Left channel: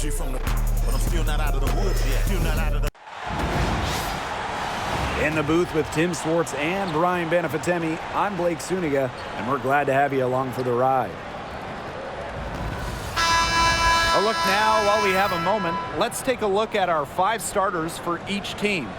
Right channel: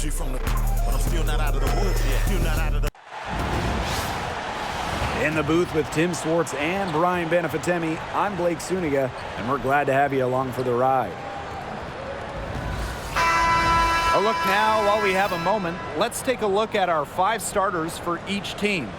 OG from the, but I'm still not out of the woods yet. Still not out of the. In the booth with Tim Swartz and Brian Benefitemi, I'm Blake Suniga, and we're glad to have you along for the ride. A look now, while we have a moment, let's take a look at our 5 starters for each team.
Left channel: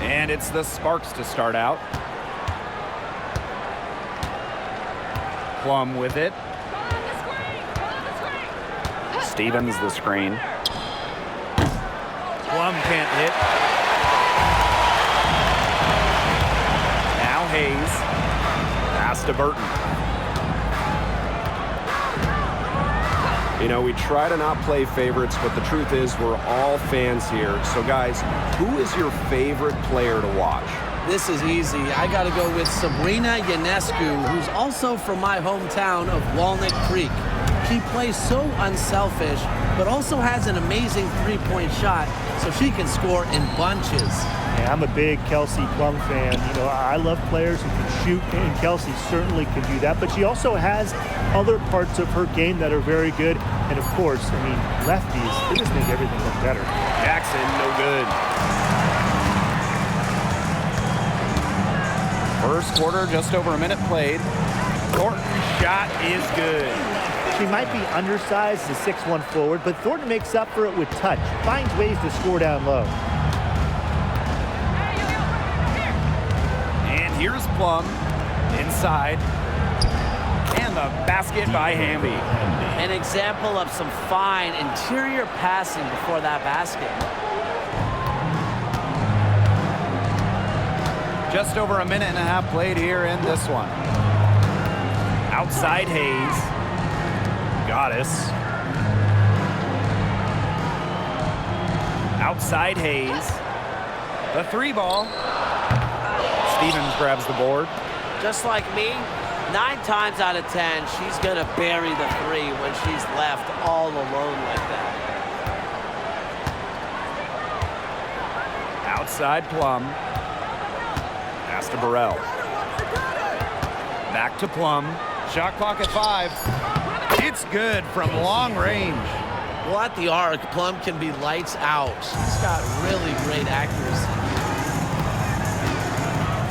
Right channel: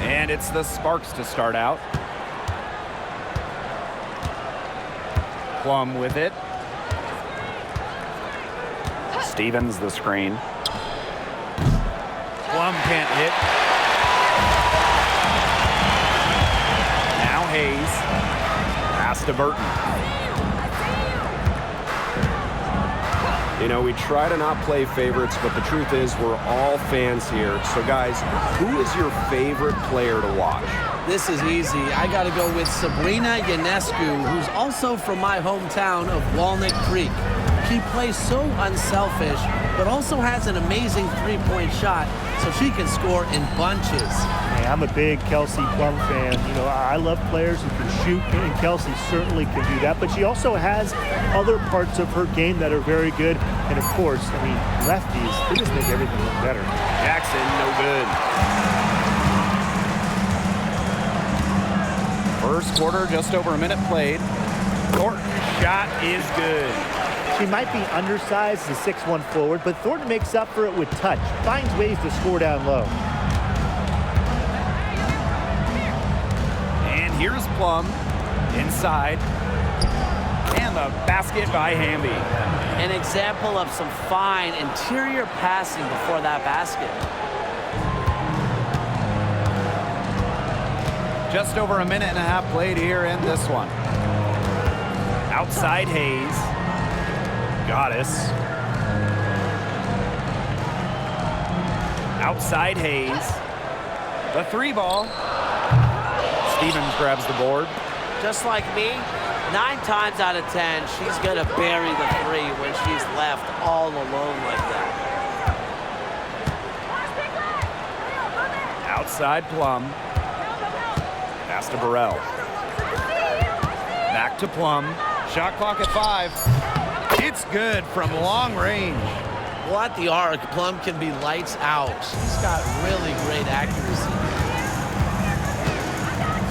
And it's the Sparks to start out. Plum with it. Stevens the screen. Plum can't hit. Now Hayes. Pass to Burton. You know, we try to not play favorites, but the truth is we're all fans here. So, guys, who is your favorite player to watch? This is easy. I got to go with Sabrina Ionescu, who's also from my hometown of Walnut Creek. She plays so unselfish, but also has an amazing three-point shot, so she can score in bunches. Hey, I'm a big Kelsey Plum fan. You know, I love players who can shoot, and Kelsey certainly can do that. But she also has other parts of her game that are very good. And, of course, I mean, lefties, they just make everything look better. Jackson, no good. First quarter, just over a minute played. Thornton's shot is good. She might be undersized as a 6'1" forward, but Thornton makes up for it with touch, finds ways to score down low. And here's Plum inside. And the basket by Hamby. An example of some fine interior passing before that basket. Just over a minute and a half played here in this one. Outside Hayes. Goddess. Outside Hayes. The 3 ball. Stevens grabs the board. Just like me, 9 times out of 10, she's going to bury the 3 when she's left all alone like that. Outside Plum. Pass to Burrell. Back to Plum. Shot clock at 5. It's good from long range. Well, at the arc, Plum can be lights out. She's got really great accuracy.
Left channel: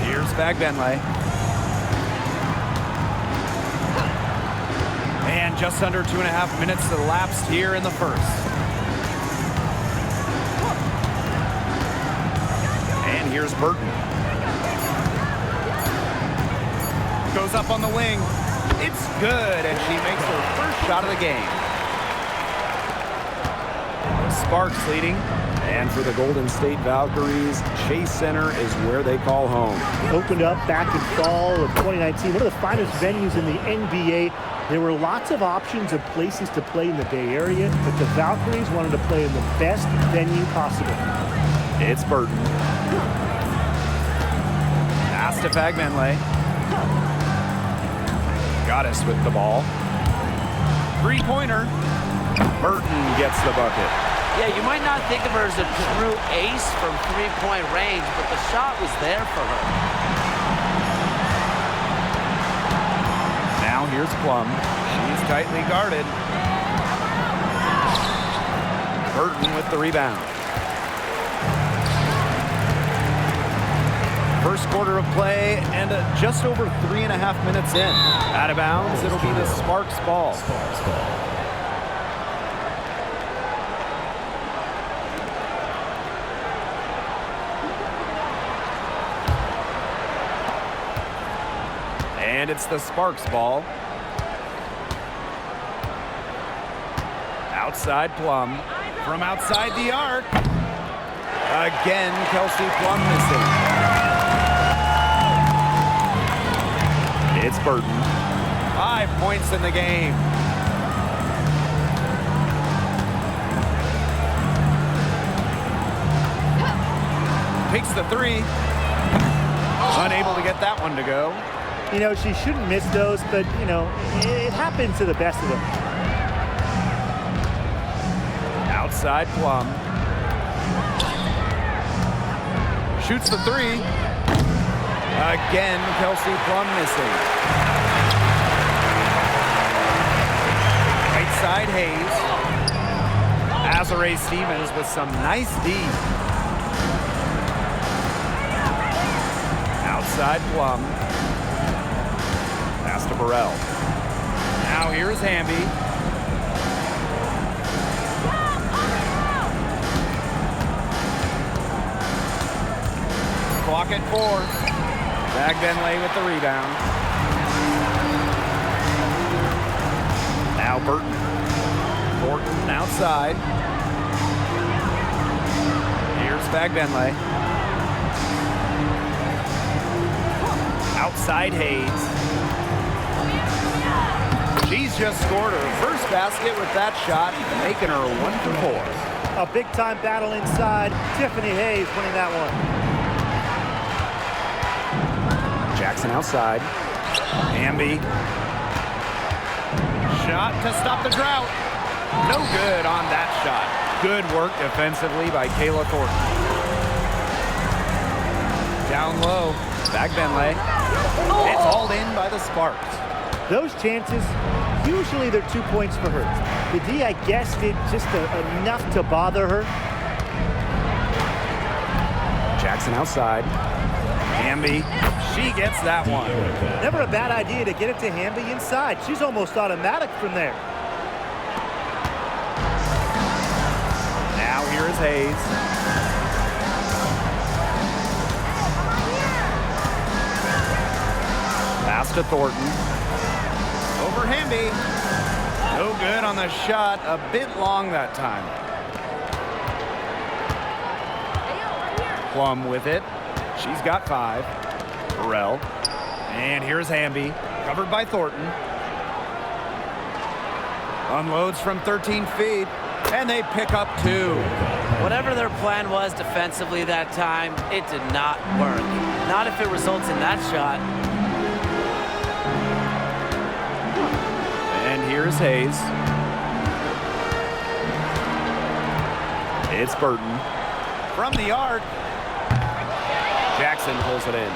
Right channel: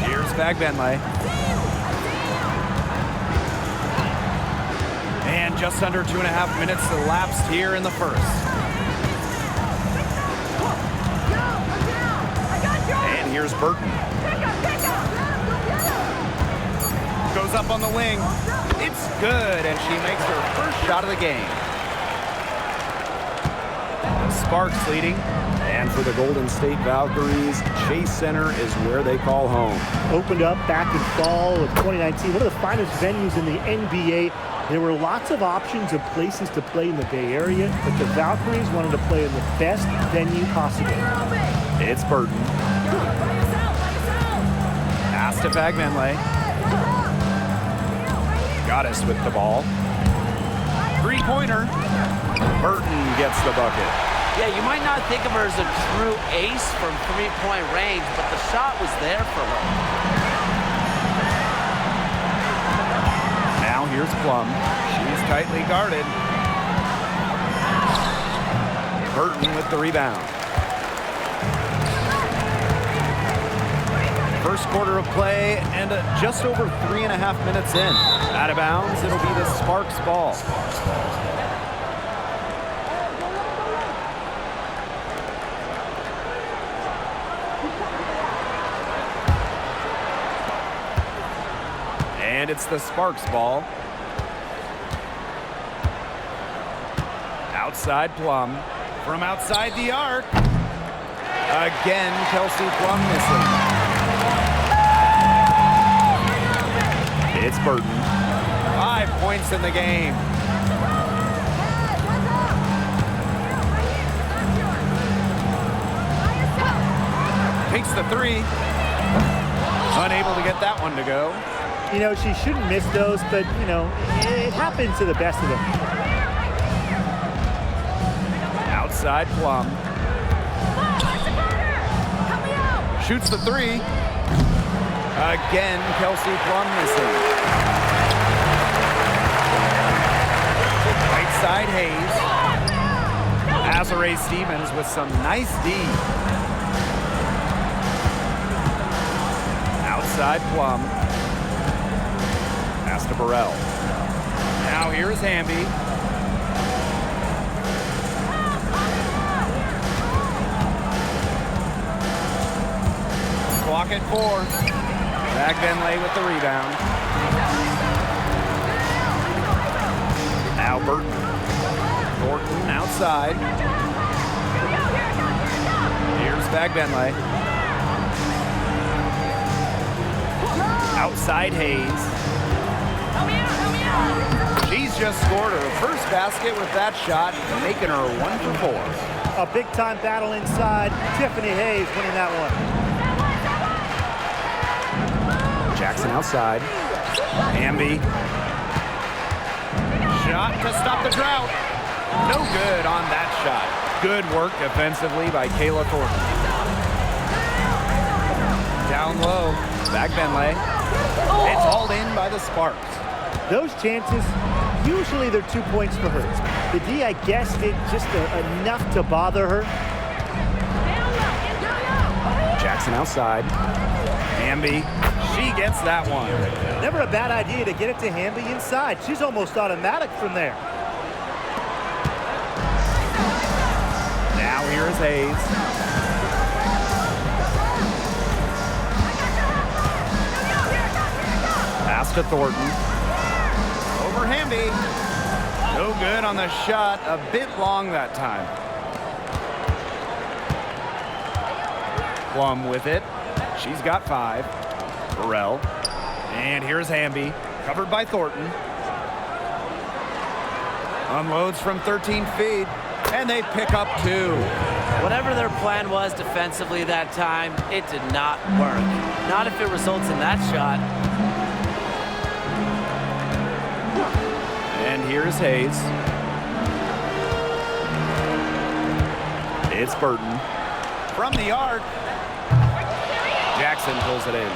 Here's Bagbenley. And just under 2.5 minutes elapsed here in the first. And here's Burton. Goes up on the wing. It's good, and she makes her first shot of the game. The Sparks leading. And for the Golden State Valkyries, Chase Center is where they call home. Opened up back in fall of 2019, one of the finest venues in the NBA. There were lots of options of places to play in the Bay Area, but the Valkyries wanted to play in the best venue possible. It's Burton. Pass to Bagbenley. Goddess with the ball. 3-pointer. Burton gets the bucket. Yeah, you might not think of her as a true ace from 3-point range, but the shot was there for her. Now here's Plum. She's tightly guarded. Burton with the rebound. First quarter of play and just over 3.5 minutes in. Out of bounds, it'll be the Sparks ball. And it's the Sparks ball. Outside Plum. From outside the arc. Again, Kelsey Plum missing. It's Burton. 5 points in the game. Takes the 3. Unable to get that one to go. You know, she shouldn't miss those, but, you know, it happens to the best of them. Outside Plum. Shoots the three. Again, Kelsey Plum missing. Right side Hayes. Azare Stevens with some nice D. Outside Plum. Pass to Burrell. Now here's Hamby. Clock at 4. Bagbenlay with the rebound. Now Burton. Thornton outside. Here's Bagbenlay. Outside Hayes. She's just scored her first basket with that shot, making her 1 for 4. A big-time battle inside. Tiffany Hayes winning that one. Jackson outside. Hamby. Shot to stop the drought. No good on that shot. Good work defensively by Kayla Thornton. Down low. Bagbenlay. It's hauled in by the Sparks. Those chances, usually they're 2 points for her. The D, I guess, did just enough to bother her. Jackson outside. Hamby. She gets that one. Never a bad idea to get it to Hamby inside. She's almost automatic from there. Now here is Hayes. Pass to Thornton. Over Hamby. No good on the shot. A bit long that time. Plum with it. She's got 5. Burrell. And here's Hamby. Covered by Thornton. Unloads from 13 feet. And they pick up 2. Whatever their plan was defensively that time, it did not work. Not if it results in that shot. And here's Hayes. It's Burton. From the arc. Jackson pulls it in.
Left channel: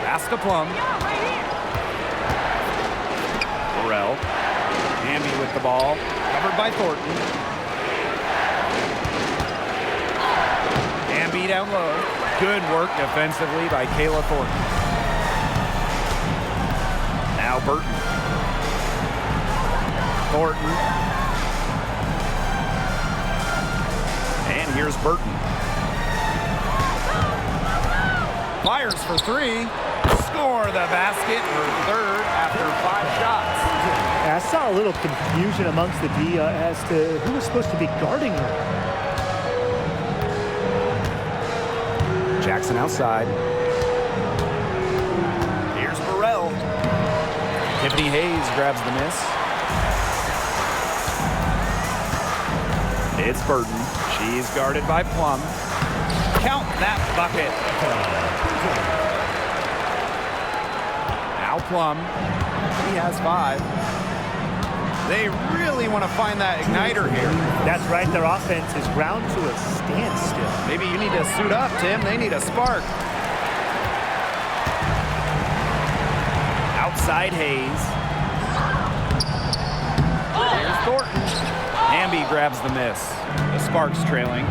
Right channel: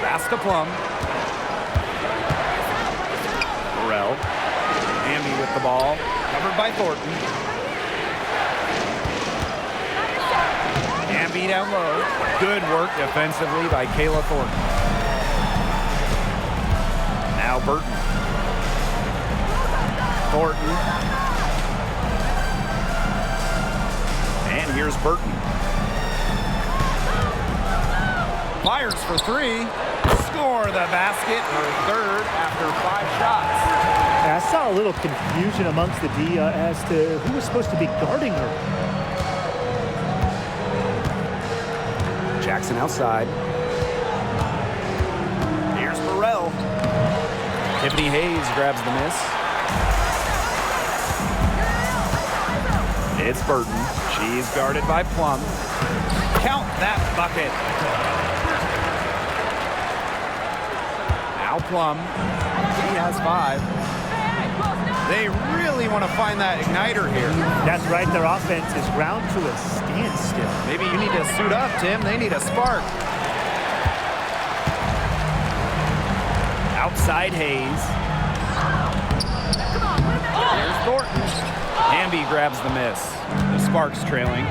Pass to Plum. Burrell. Hamby with the ball. Covered by Thornton. Hamby down low. Good work defensively by Kayla Thornton. Now Burton. Thornton. And here's Burton. Fires for 3. Score the basket, her 3rd after 5 shots. I saw a little confusion amongst the D as to who was supposed to be guarding her. Jackson outside. Here's Burrell. Tiffany Hayes grabs the miss. It's Burton. She's guarded by Plum. Count that bucket. Now Plum. She has 5. They really want to find that igniter here. That's right. Their offense is ground to a standstill. Maybe you need to suit up, Tim. They need a spark. Outside Hayes. Here's Thornton. Hamby grabs the miss. The Sparks trailing.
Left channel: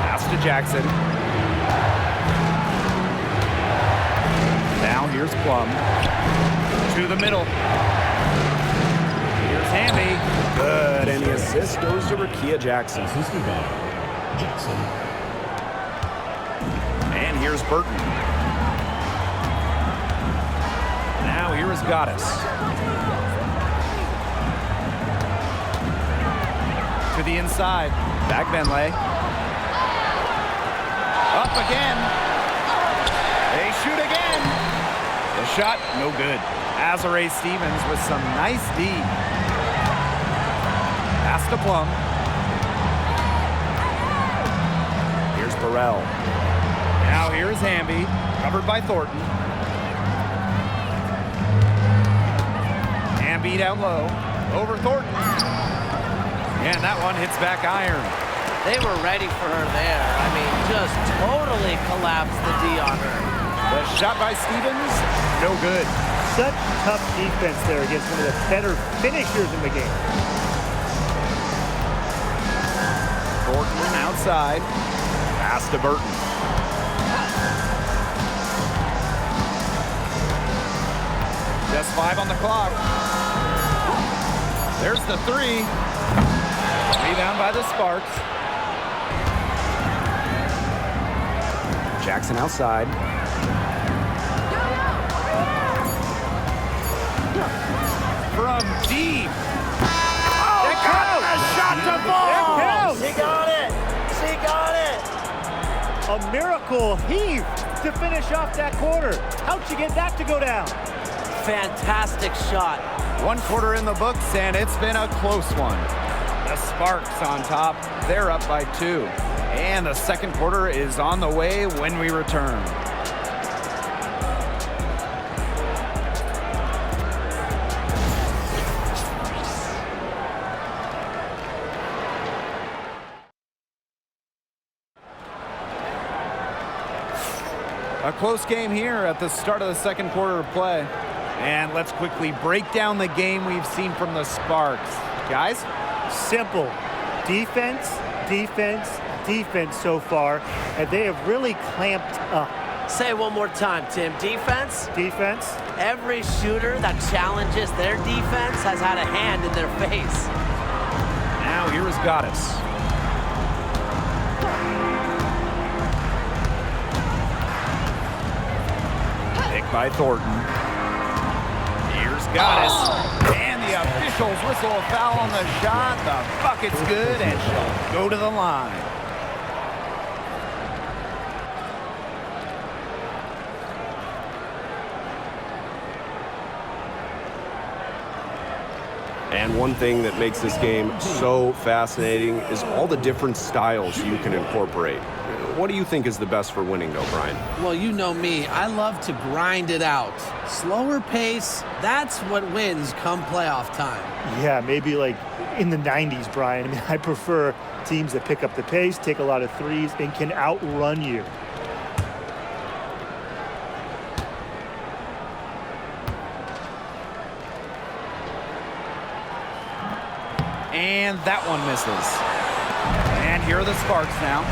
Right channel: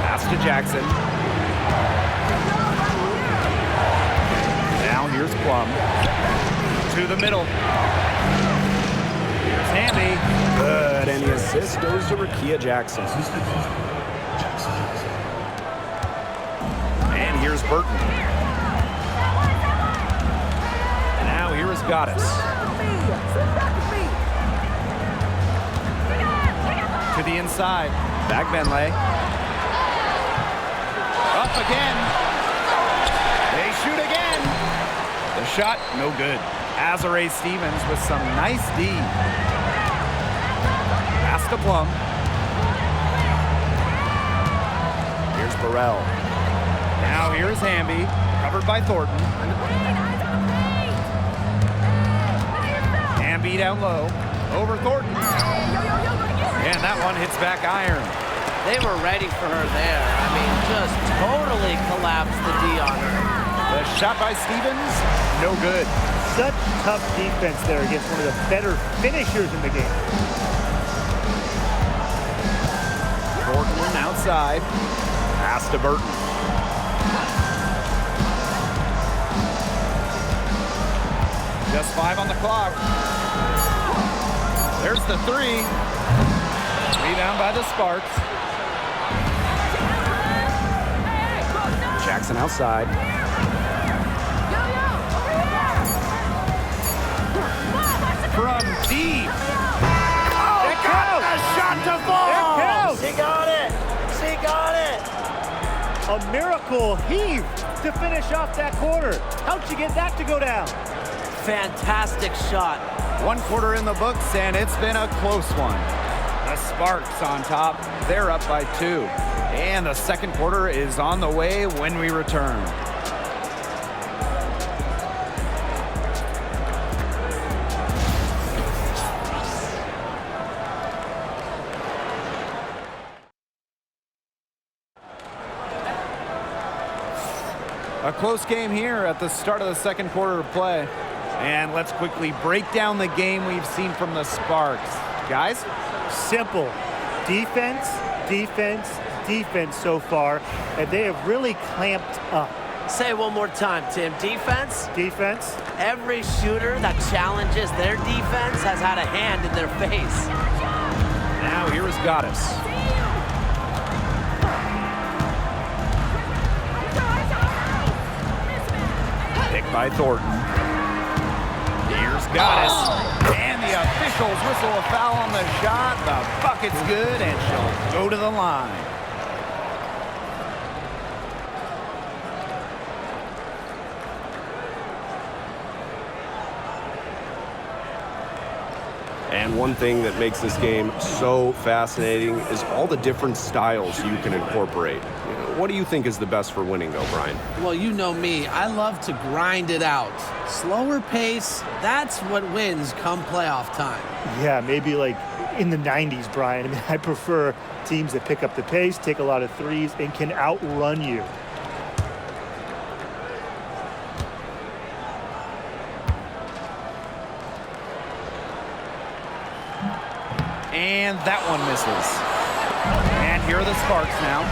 Pass to Jackson. Now here's Plum. To the middle. Here's Hamby. Good, and the assist goes to Rakia Jackson. And here's Burton. Now here is Goddess. To the inside. Bagbenlay. Up again. They shoot again. The shot, no good. Azare Stevens with some nice D. Pass to Plum. Burrell. Now here's Hamby, covered by Thornton. Hamby down low, over Thornton. And that one hits back iron. They were ready for her there. I mean, just totally collapsed the D on her. The shot by Stevens, no good. Such tough defense there against one of the better finishers in the game. Thornton outside, pass to Burton. Just 5 on the clock. There's the 3. Rebound by the Sparks. Jackson outside. From deep. Oh, It got counts. the shot to fall. It counts. She got it. She got it. A miracle heave to finish off that quarter. How'd you get that to go down? Fantastic shot. 1 quarter in the books, and it's been a close one. The Sparks on top. They're up by 2. And the second quarter is on the way when we return. A close game here at the start of the second quarter of play. And let's quickly break down the game we've seen from the Sparks. Guys? Simple. Defense, defense, defense so far, and they have really clamped up. Say it one more time, Tim. Defense? Defense, Every shooter that challenges their defense has had a hand in their face. Now here is Goddess. Picked by Thornton. Here's Goddess. And the officials whistle a foul on the shot. The bucket's good, and she'll go to the line. And one thing that makes this game so fascinating is all the different styles you can incorporate. What do you think is the best for winning, though, Brian? Well, you know me. I love to grind it out. Slower pace, that's what wins come playoff time. yeah, maybe like in the 90s, Brian. I mean, I prefer teams that pick up the pace, take a lot of threes, and can outrun you. And that one misses. And here are the Sparks now.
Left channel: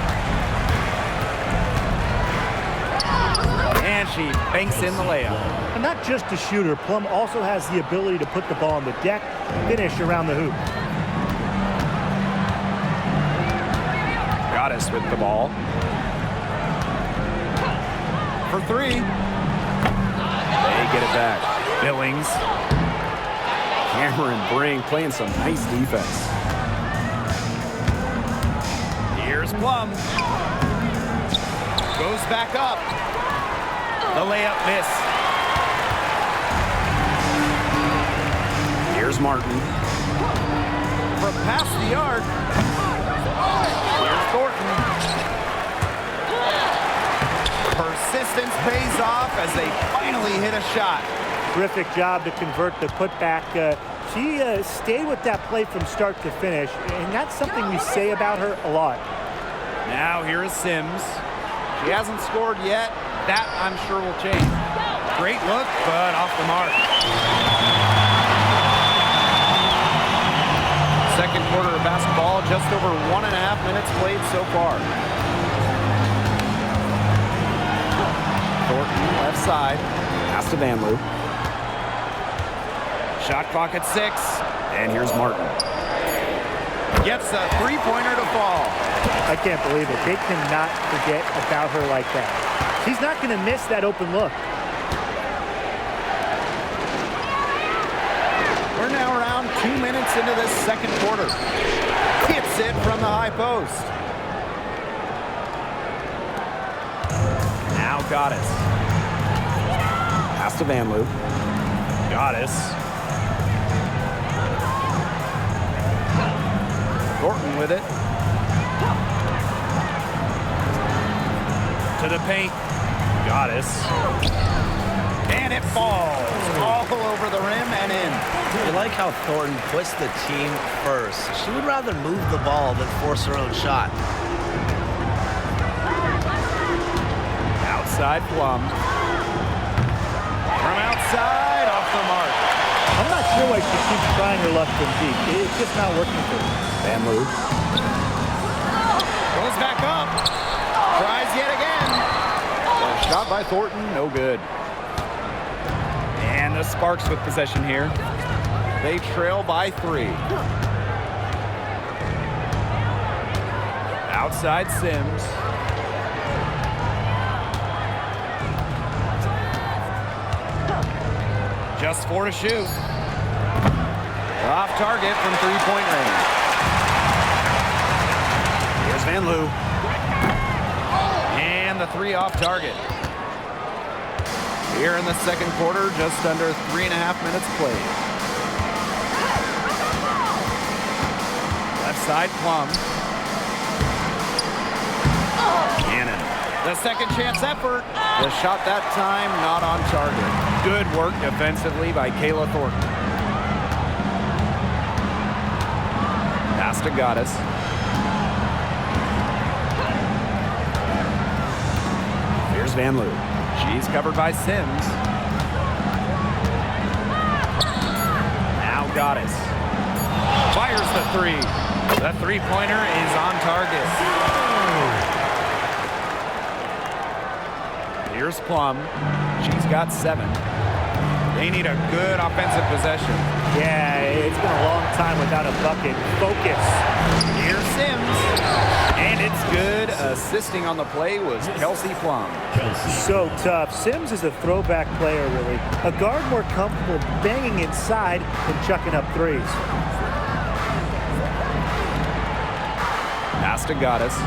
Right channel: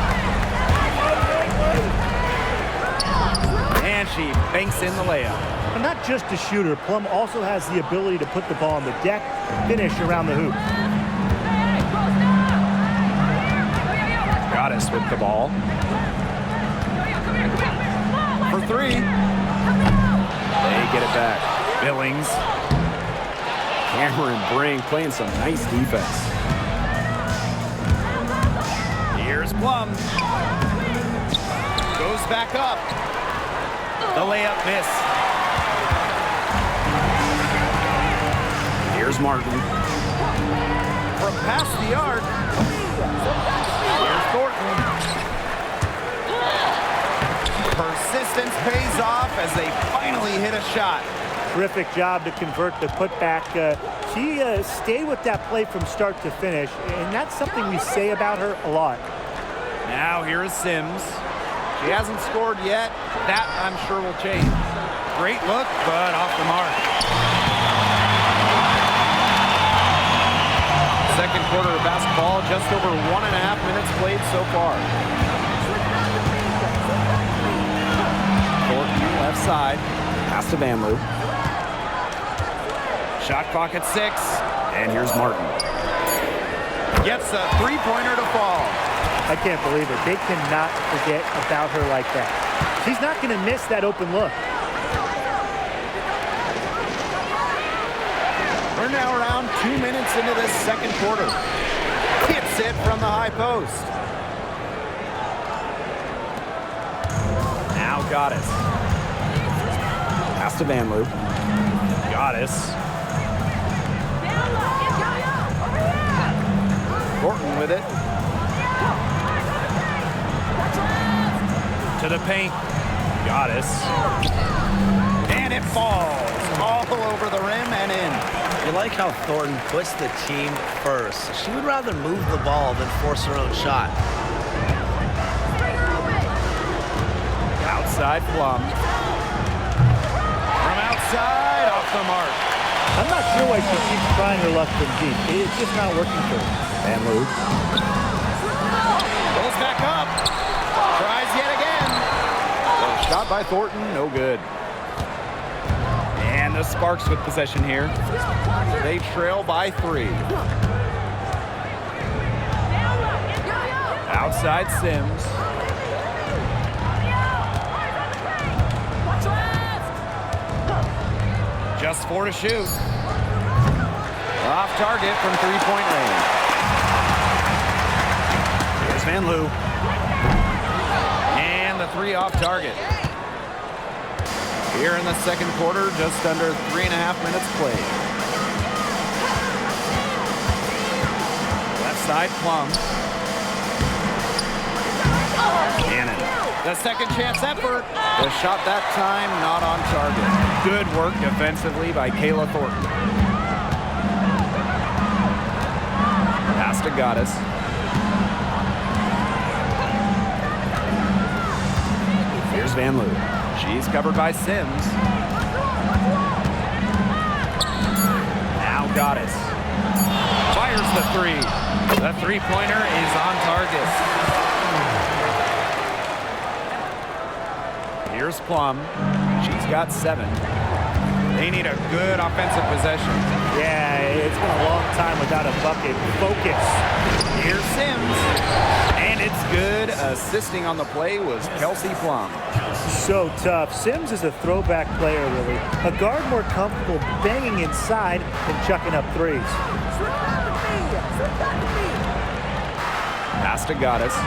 And she banks in the layup. And not just a shooter, Plum also has the ability to put the ball on the deck, finish around the hoop. Goddess with the ball. For 3. They get it back. Billings. Cameron Brink playing some nice defense. Here's Plum. Goes back up. The layup miss. Here's Martin. From past the arc. Here's Thornton. Persistence pays off as they finally hit a shot. Terrific job to convert the putback. She stayed with that play from start to finish, and that's something we say about her a lot. Now here is Sims. She hasn't scored yet. That, I'm sure, will change. Great look, but off the mark. Second quarter of basketball, just over 1.5 minutes played so far. Thornton left side. Pass to Vanloo. Shot clock at 6. And here's Martin. Gets a three-pointer to fall. I can't believe it. They cannot forget about her like that. She's not going to miss that open look. We're now around 2 minutes into this second quarter. Hits it from the high post. Now Goddess. Pass to Vanloo. Goddess. Thornton with it. To the paint. Goddess. And it falls all over the rim and in. You like how Thornton puts the team first. She would rather move the ball than force her own shot. Outside Plum. From outside, off the mark. I'm not sure why she keeps trying her luck from deep. It's just not working for her. Van Loo. Goes back up. Tries yet again. The shot by Thornton, no good. And the Sparks with possession here. They trail by 3. Outside Sims. Just 4 to shoot. Off target from 3-point range. Here's Van Loo. And the 3 off target. Here in the second quarter, just under 3.5 minutes played. Left side, Plum. Cannon. The second chance effort. The shot that time not on target. Good work defensively by Kayla Thornton. Pass to Goddess. Here's Van Loo. She's covered by Sims. Now Goddess. Fires the 3. The 3-pointer is on target. Here's Plum. She's got 7. They need a good offensive possession. Yeah, it's been a long time without a bucket. Focus. Here's Sims. And it's good. Assisting on the play was Kelsey Plum. So tough. Sims is a throwback player, really. A guard more comfortable banging inside than chucking up threes. Pass to Goddess.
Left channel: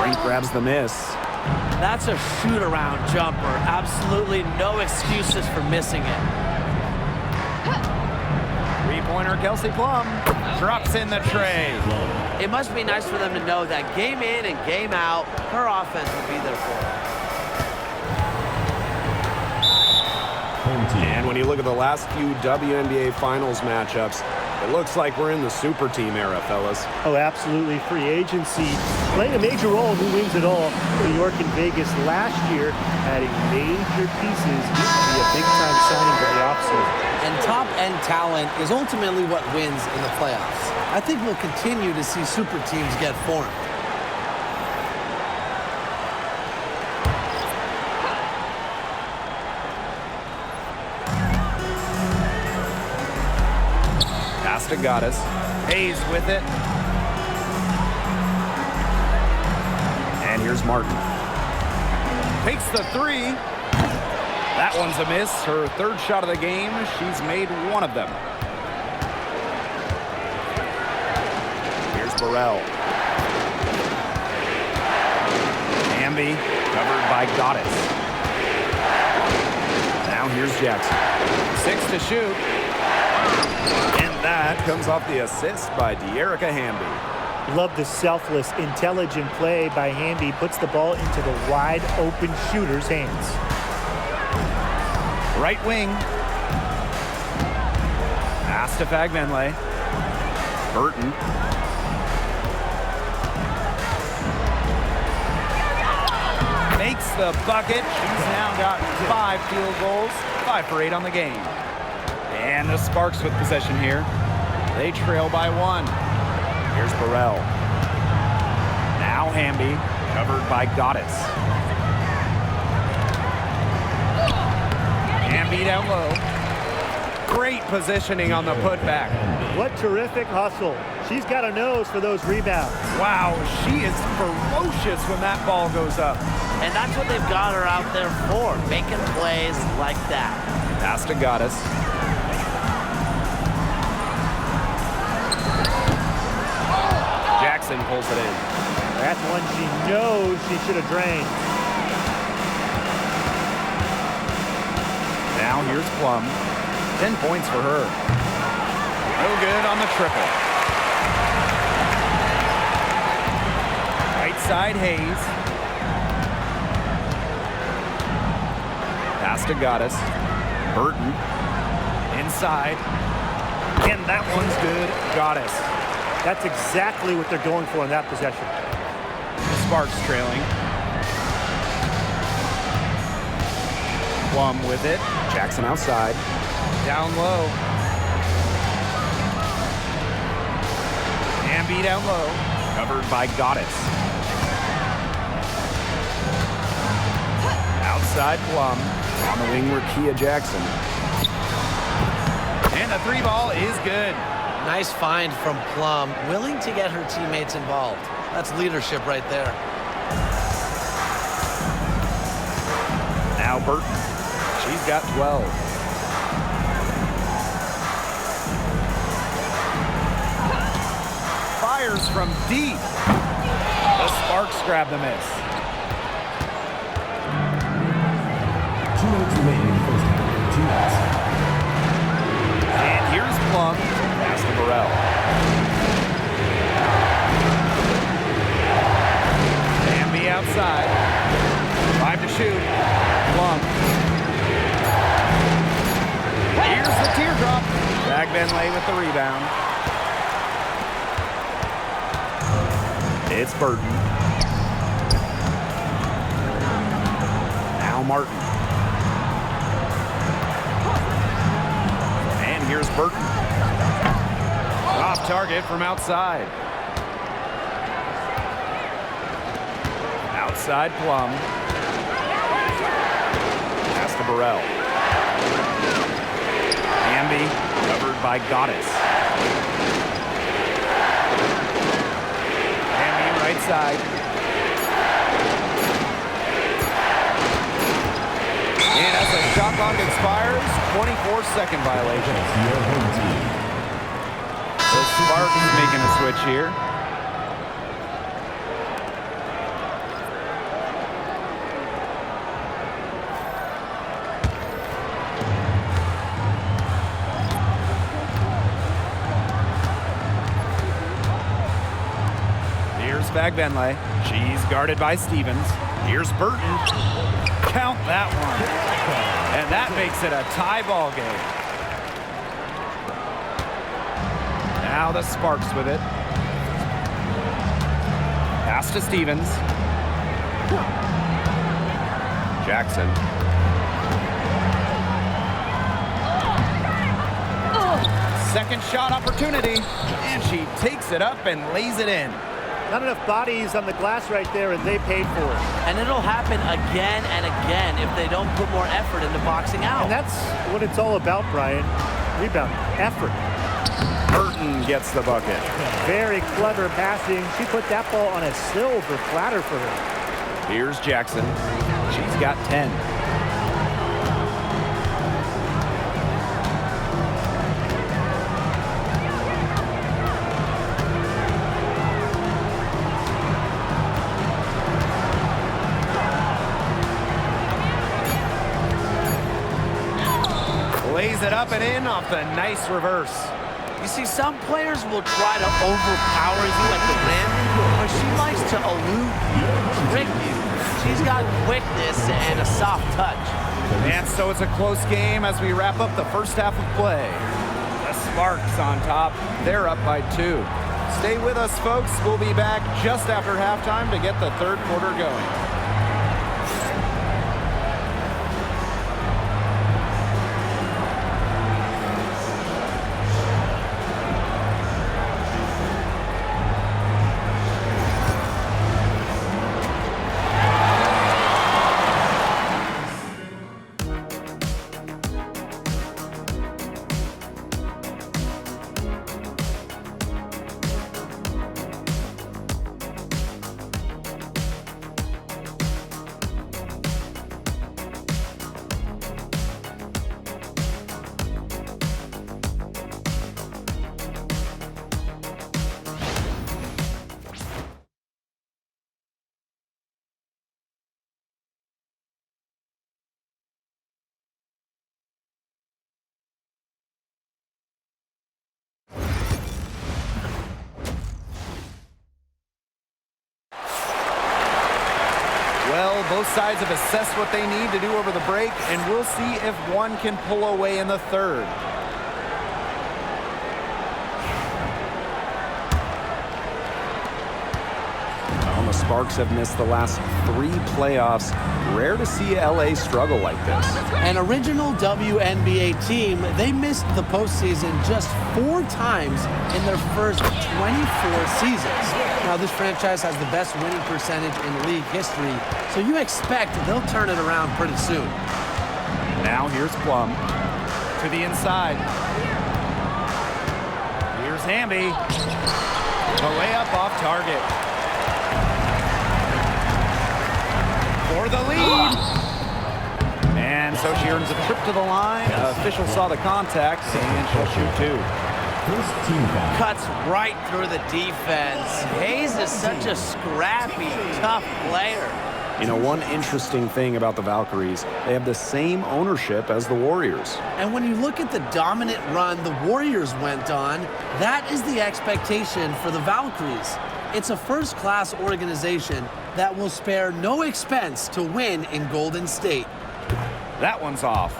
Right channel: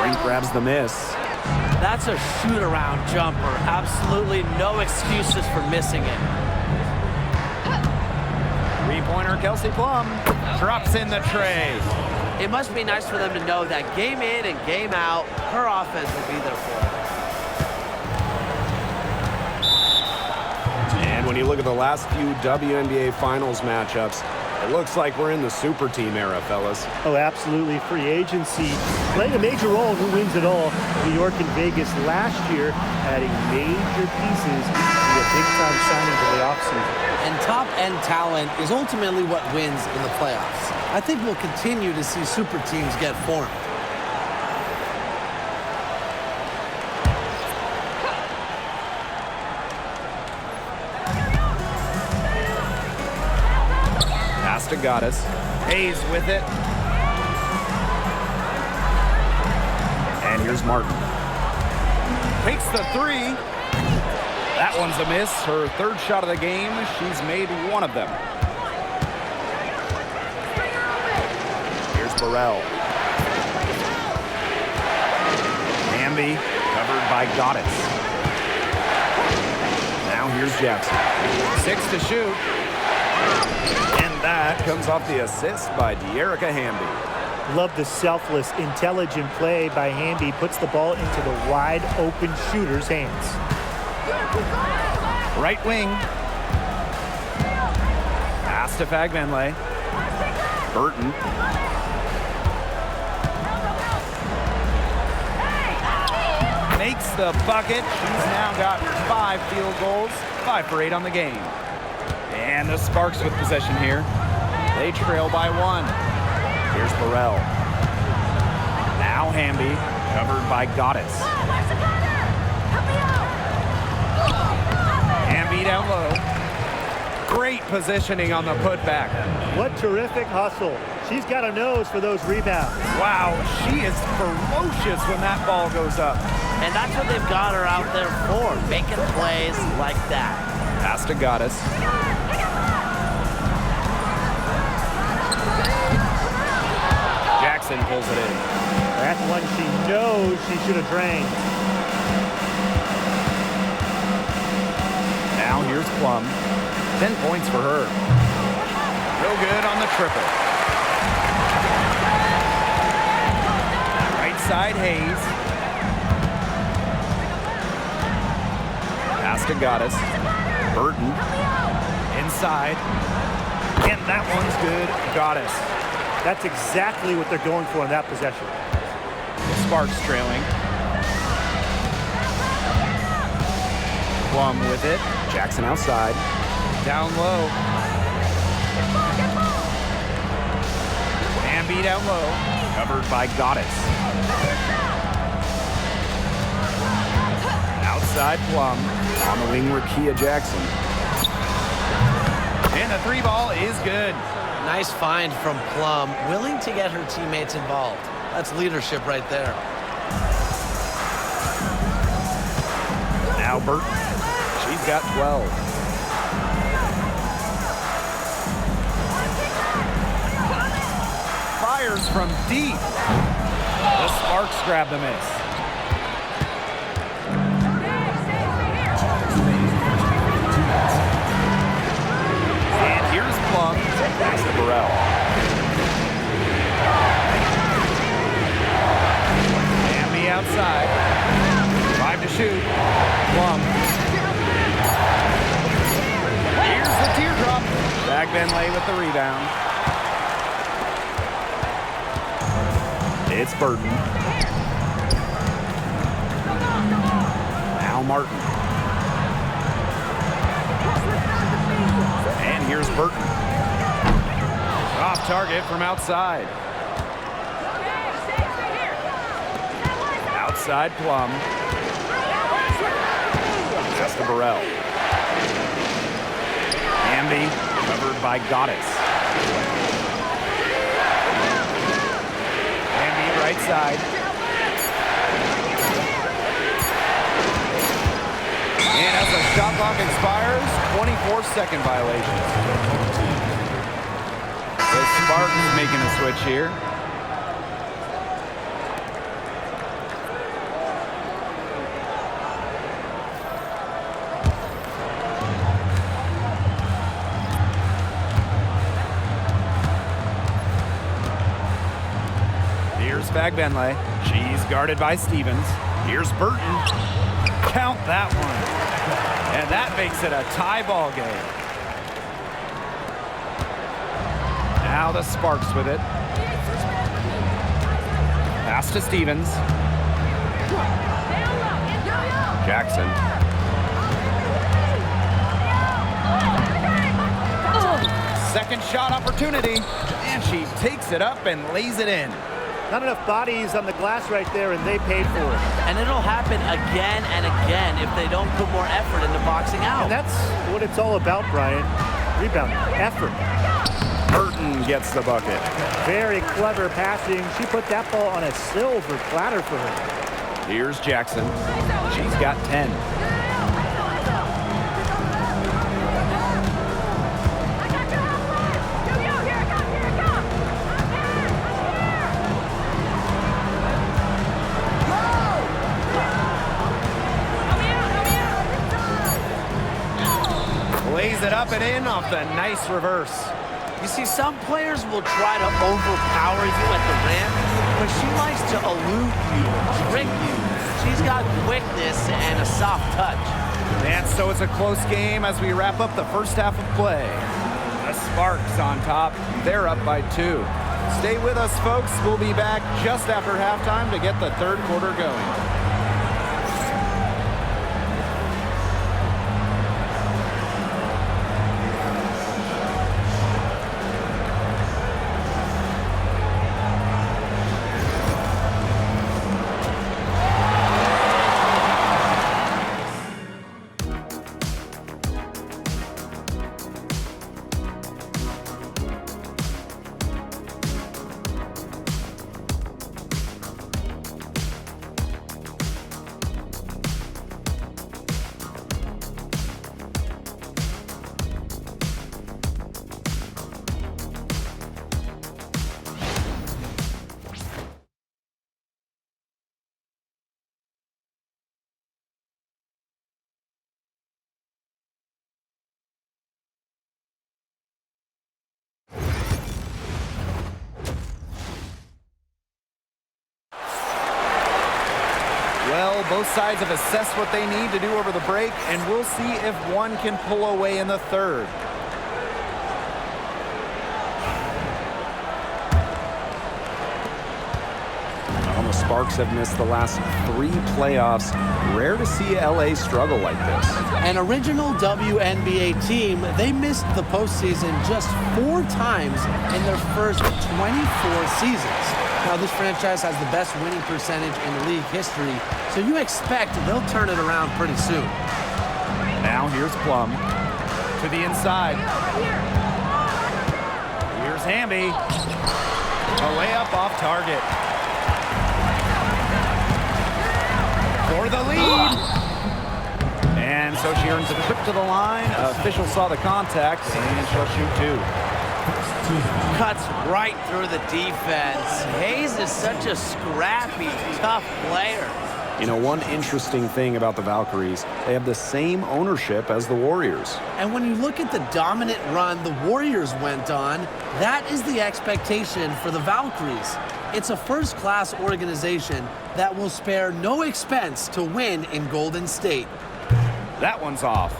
Brink grabs the miss. That's a shoot-around jumper. Absolutely no excuses for missing it. 3-pointer Kelsey Plum drops in the tray. It must be nice for them to know that game in and game out, her offense will be there for her. And when you look at the last few WNBA Finals matchups, it looks like we're in the super team era, fellas. Oh, absolutely. Free agency playing a major role in who wins it all. New York and Vegas last year adding major pieces via big-time signings in the offseason. And top-end talent is ultimately what wins in the playoffs. I think we'll continue to see super teams get formed. Pass to Goddess. Hayes with it. And here's Martin. Takes the 3. That one's a miss. Her 3rd shot of the game. She's made 1 of them. Here's Burrell. Hamby covered by Goddess. Now here's Jackson. 6 to shoot. And that comes off the assist by De'Erica Hamby. Love the selfless, intelligent play by Hamby. Puts the ball into the wide-open shooter's hands. Right wing. Pass to Fagbenle. Burton. Makes the bucket. She's now got 5 field goals. 5 for 8 on the game. And the Sparks with possession here. They trail by 1. Here's Burrell. Now Hamby, covered by Goddess. Hamby down low. Great positioning on the putback. What terrific hustle. She's got a nose for those rebounds. Wow, she is ferocious when that ball goes up. And that's what they've got her out there for, making plays like that. Pass to Goddess. Jackson pulls it in. That's one she knows she should have drained. Now here's Plum. 10 points for her. No good on the triple. Right side, Hayes. Pass to Goddess. Burton. Inside. And that one's good. Goddess. That's exactly what they're going for in that possession. The Sparks trailing. Plum with it. Jackson outside. Down low. Amby down low. Covered by Goddess. Outside Plum. On the wing, Rakia Jackson. And the 3 ball is good. Nice find from Plum, willing to get her teammates involved. That's leadership right there. Now Burton. She's got 12. Fires from deep. The Sparks grab the miss. 2 minutes remaining in the first half. 2 minutes. And here's Plum. Pass to Burrell. Amby outside. 5 to shoot. Plum. Here's the teardrop. Bagbenlay with the rebound. It's Burton. Now Martin. And here's Burton. Off target from outside. Outside Plum. Pass to Burrell. Amby covered by Goddess. Amby right side. And as the shot clock expires, 24-second violation. The Sparks making a switch here. Here's Bagbenlay. She's guarded by Stevens. Here's Burton. Count that one. And that makes it a tie ball game. Now the Sparks with it. Pass to Stevens. Jackson. Second shot opportunity. And she takes it up and lays it in. Not enough bodies on the glass right there, and they paid for it. And it'll happen again and again if they don't put more effort into boxing out. And that's what it's all about, Brian. Rebound, effort. Burton gets the bucket. Very clever passing. She put that ball on a silver platter for her. Here's Jackson. She's got 10. Lays it up and in off the nice reverse. You see, some players will try to overpower you at the rim, but she likes to elude you, trick you. She's got quickness and a soft touch. And so it's a close game as we wrap up the first half of play. The Sparks on top. They're up by 2. Stay with us, folks. We'll be back just after halftime to get the third quarter going. Well, both sides have assessed what they need to do over the break, and we'll see if one can pull away in the third. Well, the Sparks have missed the last 3 playoffs. Rare to see LA struggle like this. An original WNBA team, they missed the postseason just 4 times in their first 24 seasons. Now, this franchise has the best winning percentage in league history, so you expect they'll turn it around pretty soon. Now here's Plum to the inside. Here's Hamby. A layup off target. For the lead. And so she earns a trip to the line. Official saw the contact, and she'll shoot 2. First team foul. Cuts right through the defense. Hayes is such a scrappy, tough player. You know, one interesting thing about the Valkyries, they have the same ownership as the Warriors. And when you look at the dominant run the Warriors went on, that is the expectation for the Valkyries. It's a first-class organization that will spare no expense to win in Golden State. That one's off.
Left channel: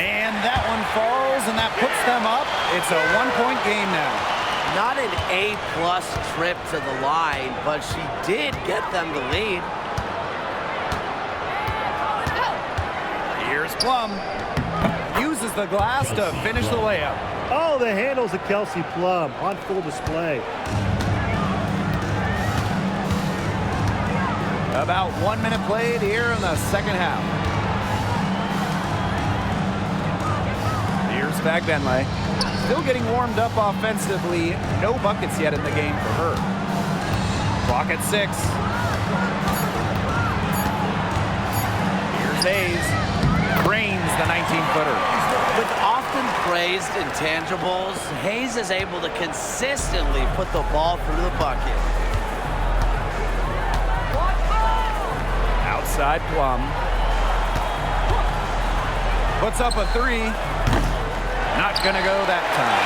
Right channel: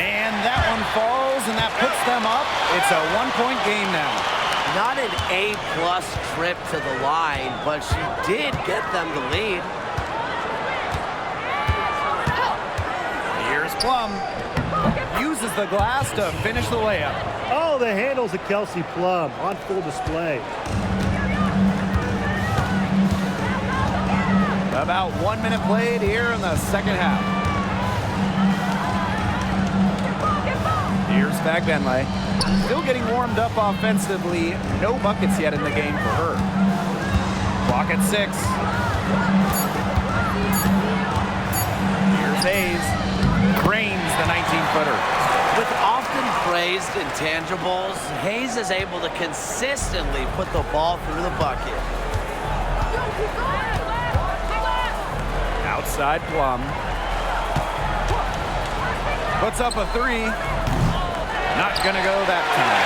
And that one falls, and that puts them up. It's a 1-point game now. Not an A-plus trip to the line, but she did get them the lead. Here's Plum. Uses the glass to finish the layup. Oh, the handles of Kelsey Plum on full display. About 1 minute played here in the second half. Here's Fagbenle. Still getting warmed up offensively. No buckets yet in the game for her. Clock at 6. Here's Hayes. Drains the 19-footer. With often praised intangibles, Hayes is able to consistently put the ball through the bucket. Outside Plum. Puts up a 3. Not gonna go that time.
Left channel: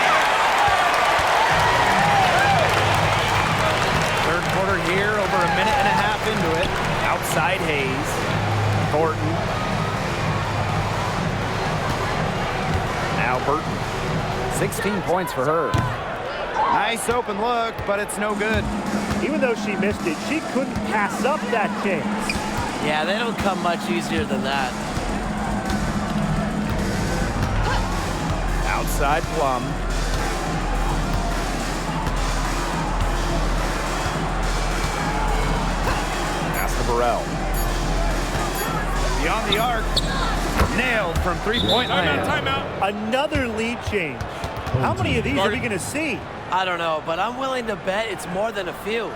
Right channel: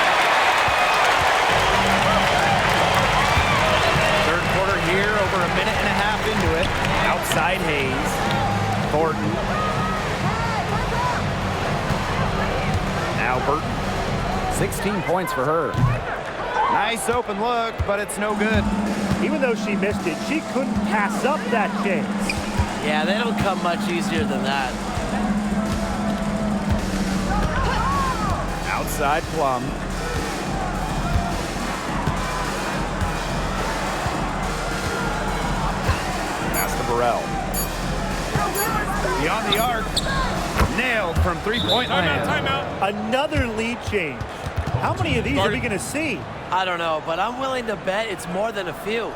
Third quarter here, over a minute and a half into it. Outside Hayes. Thornton. Now Burton. 16 points for her. Nice open look, but it's no good. Even though she missed it, she couldn't pass up that chance. Yeah, they don't come much easier than that. Outside Plum. Pass to Burrell. Beyond the arc. Nailed from three-point land. Timeout. Another lead change. How many of these are we going to see? I don't know, but I'm willing to bet it's more than a few.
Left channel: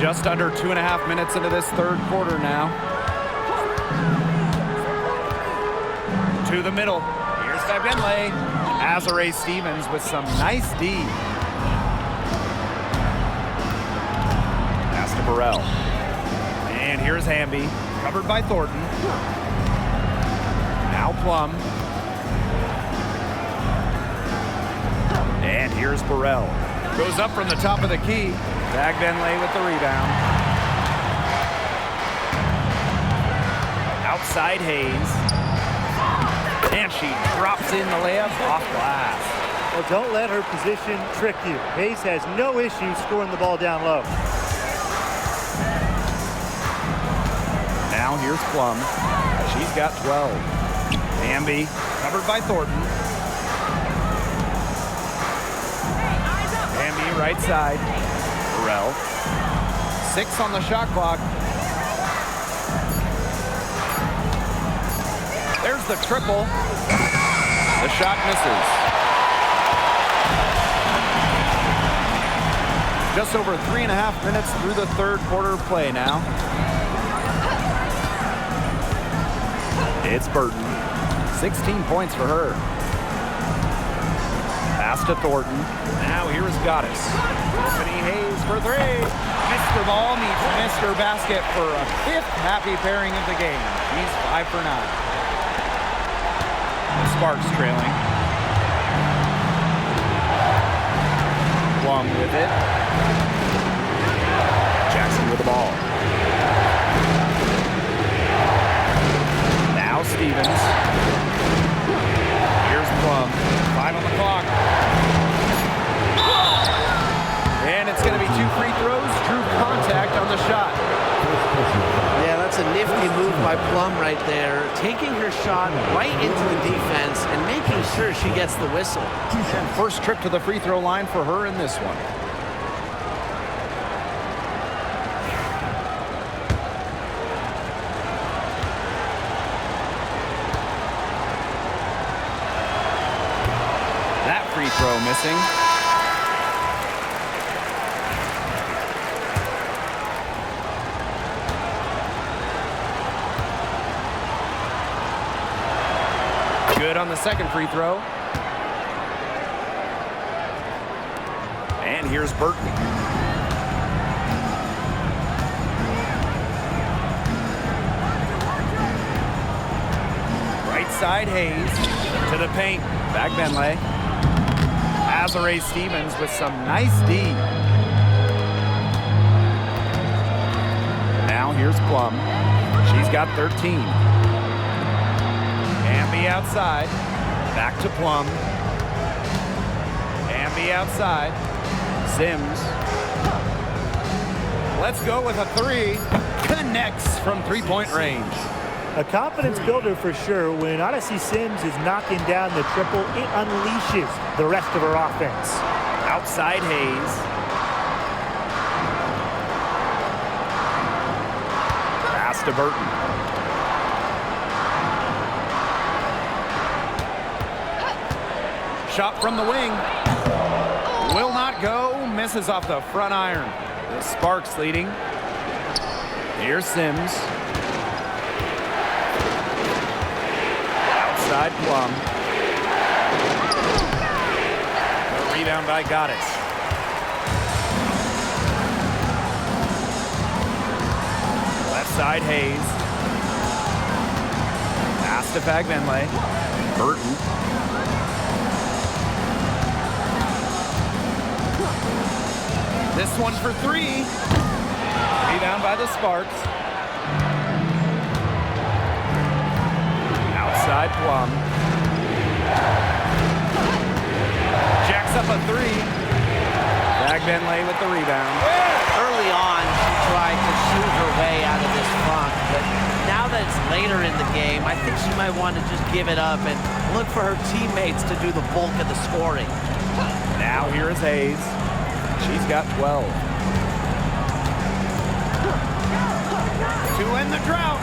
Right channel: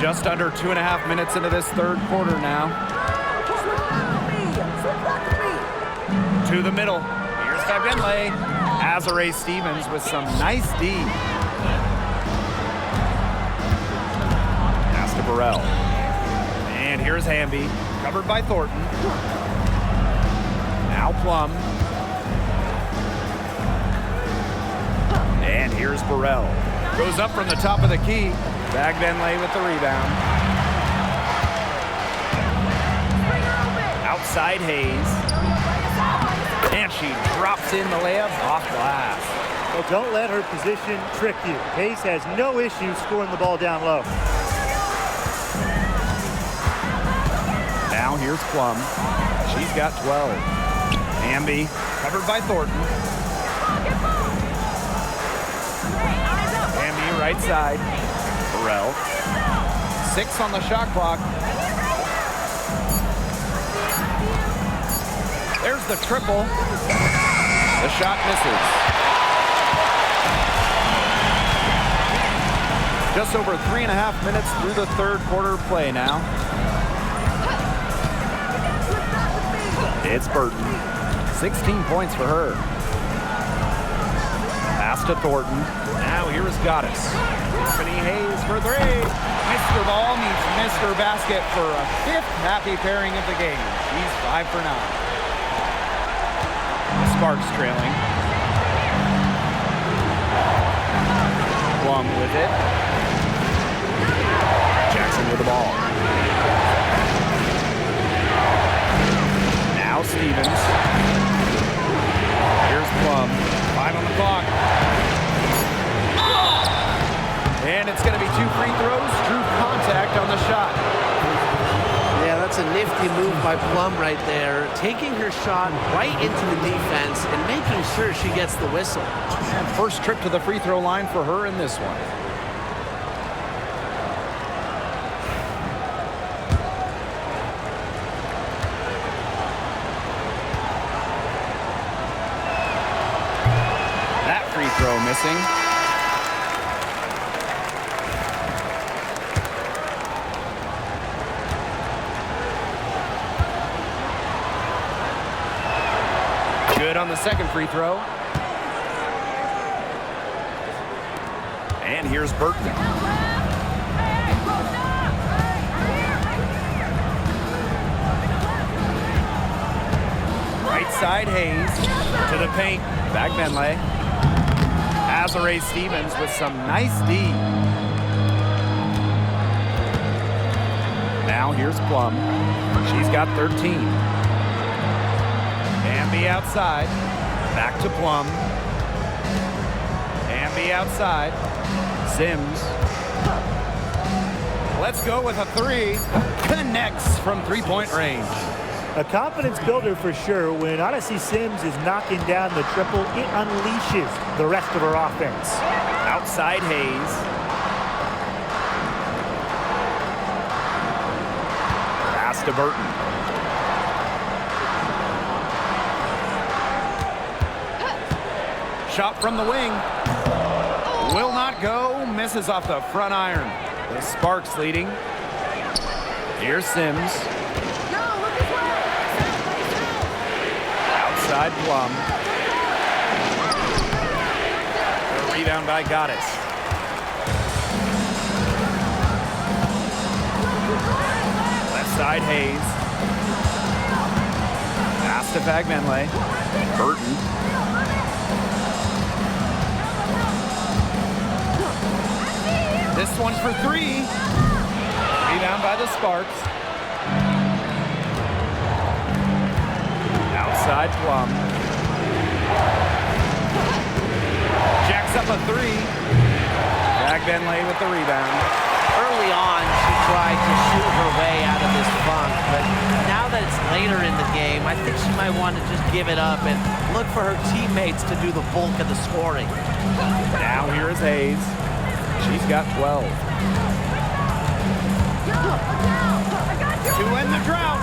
Just under 2.5 minutes into this third quarter now. To the middle. Here's Fagbenle. Azare Stevens with some nice D. Pass to Burrell. And here's Hamby. Covered by Thornton. Now Plum. And here's Burrell. Goes up from the top of the key. Fagbenle with the rebound. Outside Hayes. And she drops in the layup off glass. Well, don't let her position trick you. Hayes has no issue scoring the ball down low. Now here's Plum. She's got 12. Hamby covered by Thornton. Hamby right side. Burrell. 6 on the shot clock. There's the triple. The shot misses. Just over 3.5 minutes through the third quarter of play now. It's Burton. 16 points for her. Pass to Thornton. Now here is Goddess. Tiffany Hayes for 3. Mr. Ball meets Mr. Basket for a 5th happy pairing of the game. She's 5 for 9. The Sparks trailing. Plum with it. Jackson with the ball. Now Stevens. Here's Plum. 5 on the clock. And it's going to be 2 free throws. Drew contact on the shot. Yeah, that's a nifty move by Plum right there. Taking her shot right into the defense and making sure she gets the whistle. And first trip to the free throw line for her in this one. That free throw missing. Good on the second free throw. And here's Burton. Right side Hayes to the paint. Back Benley. Azare Stevens with some nice D. Now here's Plum. She's got 13. Amby outside. Back to Plum. Amby outside. Sims. Let's go with a 3. Connects from 3-point range. A confidence builder for sure. When Odyssey Sims is knocking down the triple, it unleashes the rest of her offense. Outside Hayes. Pass to Burton. Shot from the wing. Will not go. Misses off the front iron. The Sparks leading. Here's Sims. Outside Plum. The rebound by Goddess. Left side Hayes. Pass to Fagbenley. Burton. This one for 3. Rebound by the Sparks. Outside Plum. Jacks up a 3. Fagbenley with the rebound. Early on, she tried to shoot her way out of this funk, but now that it's later in the game, I think she might want to just give it up and look for her teammates to do the bulk of the scoring. Now here is Hayes. She's got 12. To end the drought.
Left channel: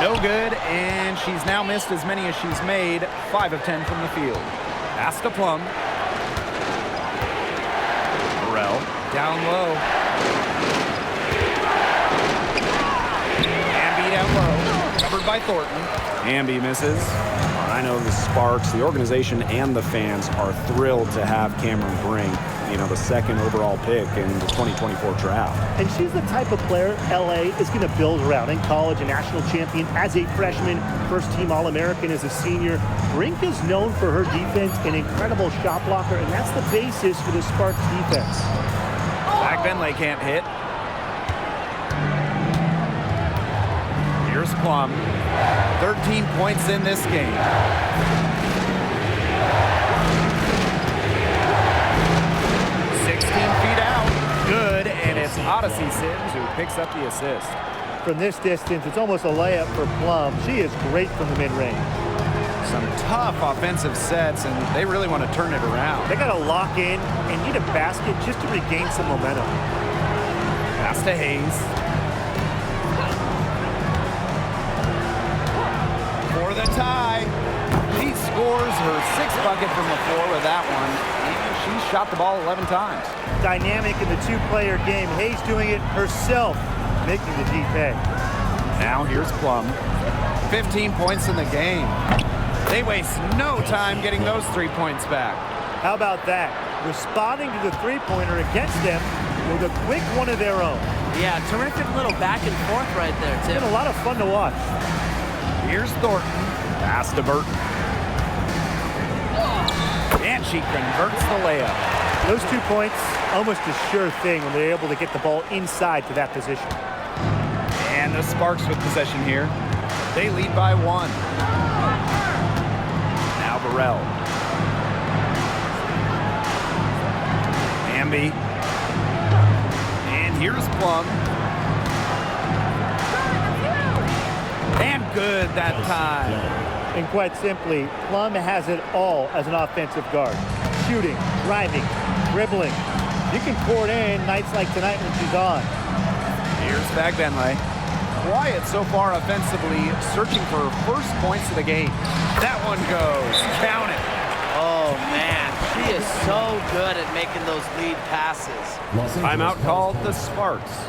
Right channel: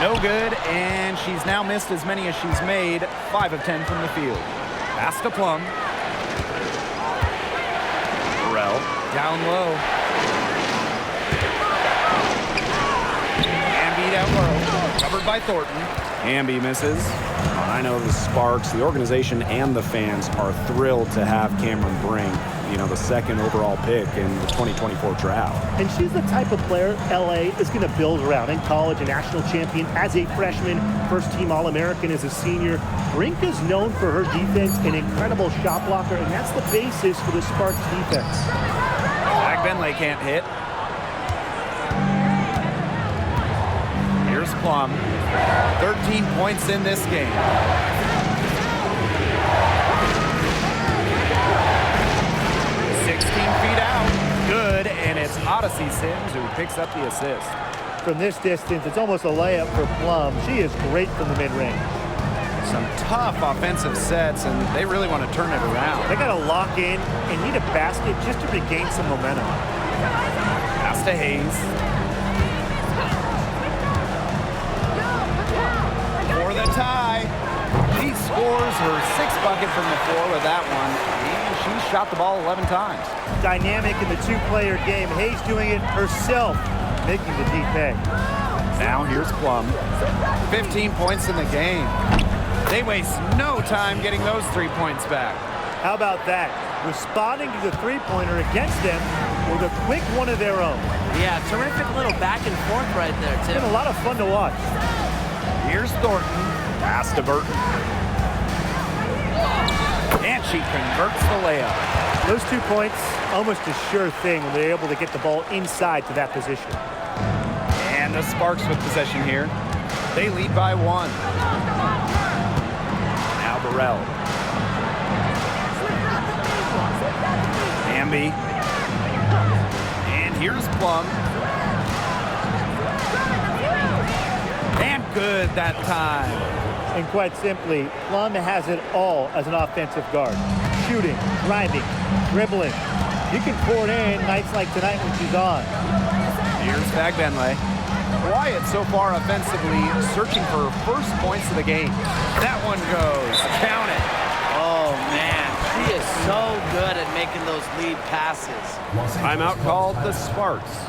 No good, and she's now missed as many as she's made. 5 of 10 from the field. Pass to Plum. Burrell down low. Amby down low. Covered by Thornton. Amby misses. I know the Sparks, the organization, and the fans are thrilled to have Cameron Brink, the second overall pick in the 2024 draft. And she's the type of player LA is going to build around. In college, a national champion as a freshman, first-team All-American as a senior. Brink is known for her defense, an incredible shot blocker, and that's the basis for the Sparks defense. Fagbenley can't hit. Here's Plum. 13 points in this game. Feet out. Good, and it's Odyssey Sims who picks up the assist. From this distance, it's almost a layup for Plum. She is great from the mid-range. Some tough offensive sets, and they really want to turn it around. They got to lock in and need a basket just to regain some momentum. Pass Pass to Hayes. For the tie. She scores her 6th bucket from the floor with that one, and she shot the ball 11 times. Dynamic in the two-player game. Hayes doing it herself, making the D pay. Now here's Plum. 15 points in the game. They waste no time getting those 3 points back. How about that? Responding to the three-pointer against them with a quick one of their own. Yeah, terrific little back and forth right there, It's Tim. been a lot of fun to watch. Here's Thornton. Pass to Burton. And she converts the layup. Those 2 points, almost a sure thing when they're able to get the ball inside to that position. And the Sparks with possession here. They lead by 1. Now Burrell. Hamby. And here's Plum. And good that time. And quite simply, Plum has it all as an offensive guard. Shooting, driving, dribbling. You can pour it in nights like tonight when she's on. Here's Bagbenley. Quiet so far offensively, searching for first points of the game. That one goes. Count it. Oh, man. She is so good at making those lead passes. Timeout called the Sparks.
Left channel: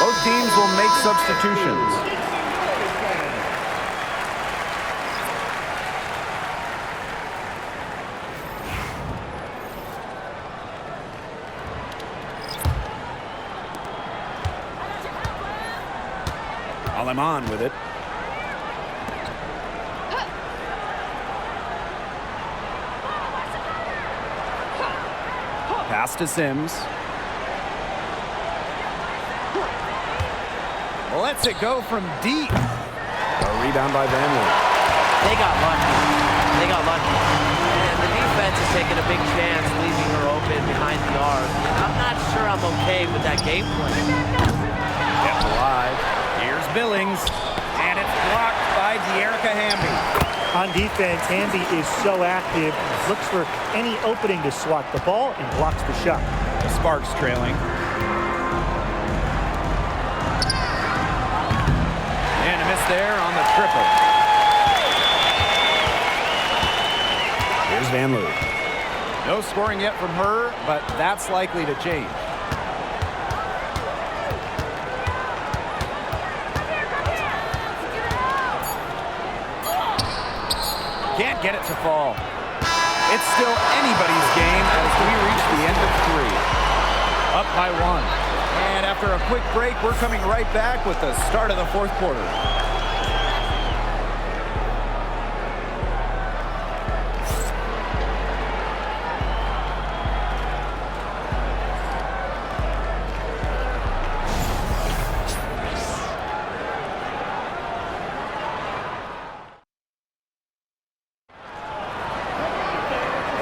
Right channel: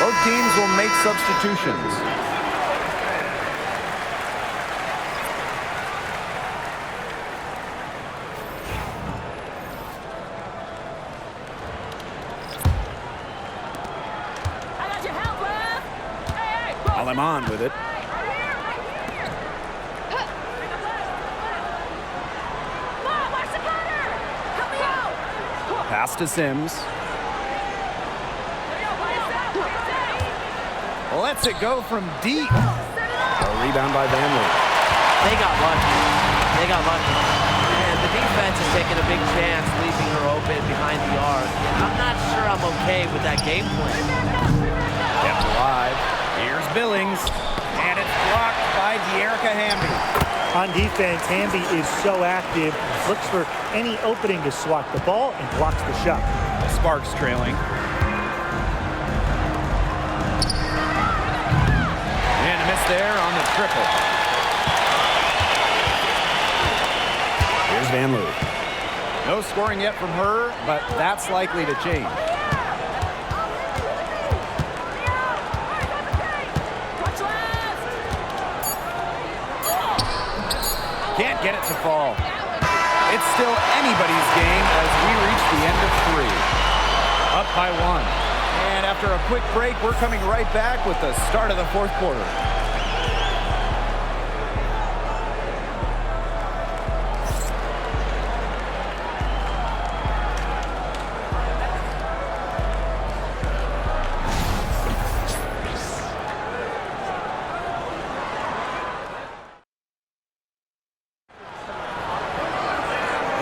Both teams will make substitutions. While I'm on with it. Pass to Sims. Lets it go from deep. A rebound by Vanley. They got lucky. They got lucky. And the defense is taking a big chance, leaving her open behind the arc. And I'm not sure I'm okay with that game plan. Kept alive. Here's Billings. And it's blocked by De'Erica Hamby. On defense, Hamby is so active, looks for any opening to swat the ball and blocks the shot. The Sparks trailing. And a miss there on the triple. Here's Van Loo. No scoring yet from her, but that's likely to change. Can't get it to fall. It's still anybody's game as we reach the end of 3. Up by 1. And after a quick break, we're coming right back with the start of the 4th quarter.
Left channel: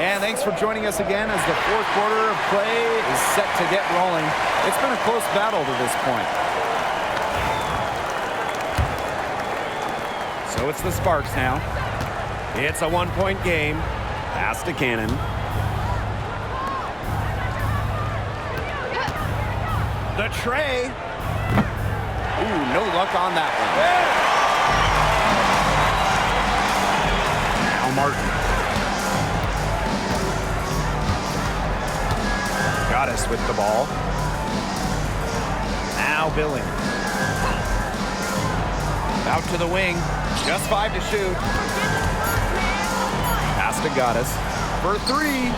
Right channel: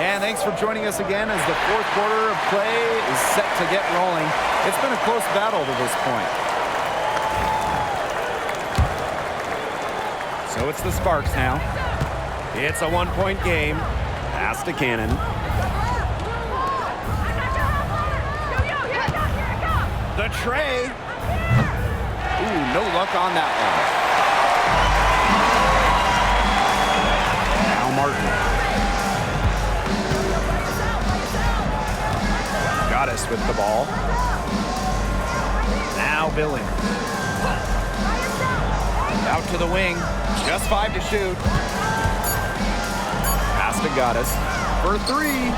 And thanks for joining us again as the 4th quarter of play is set to get rolling. It's been a close battle to this point. So it's the Sparks now. It's a one-point game. Pass to Cannon. The tray. Ooh, no luck on that one. Now Martin. Goddess with the ball. Now Billings. Out to the wing. Just 5 to shoot. Pass to Goddess. For 3.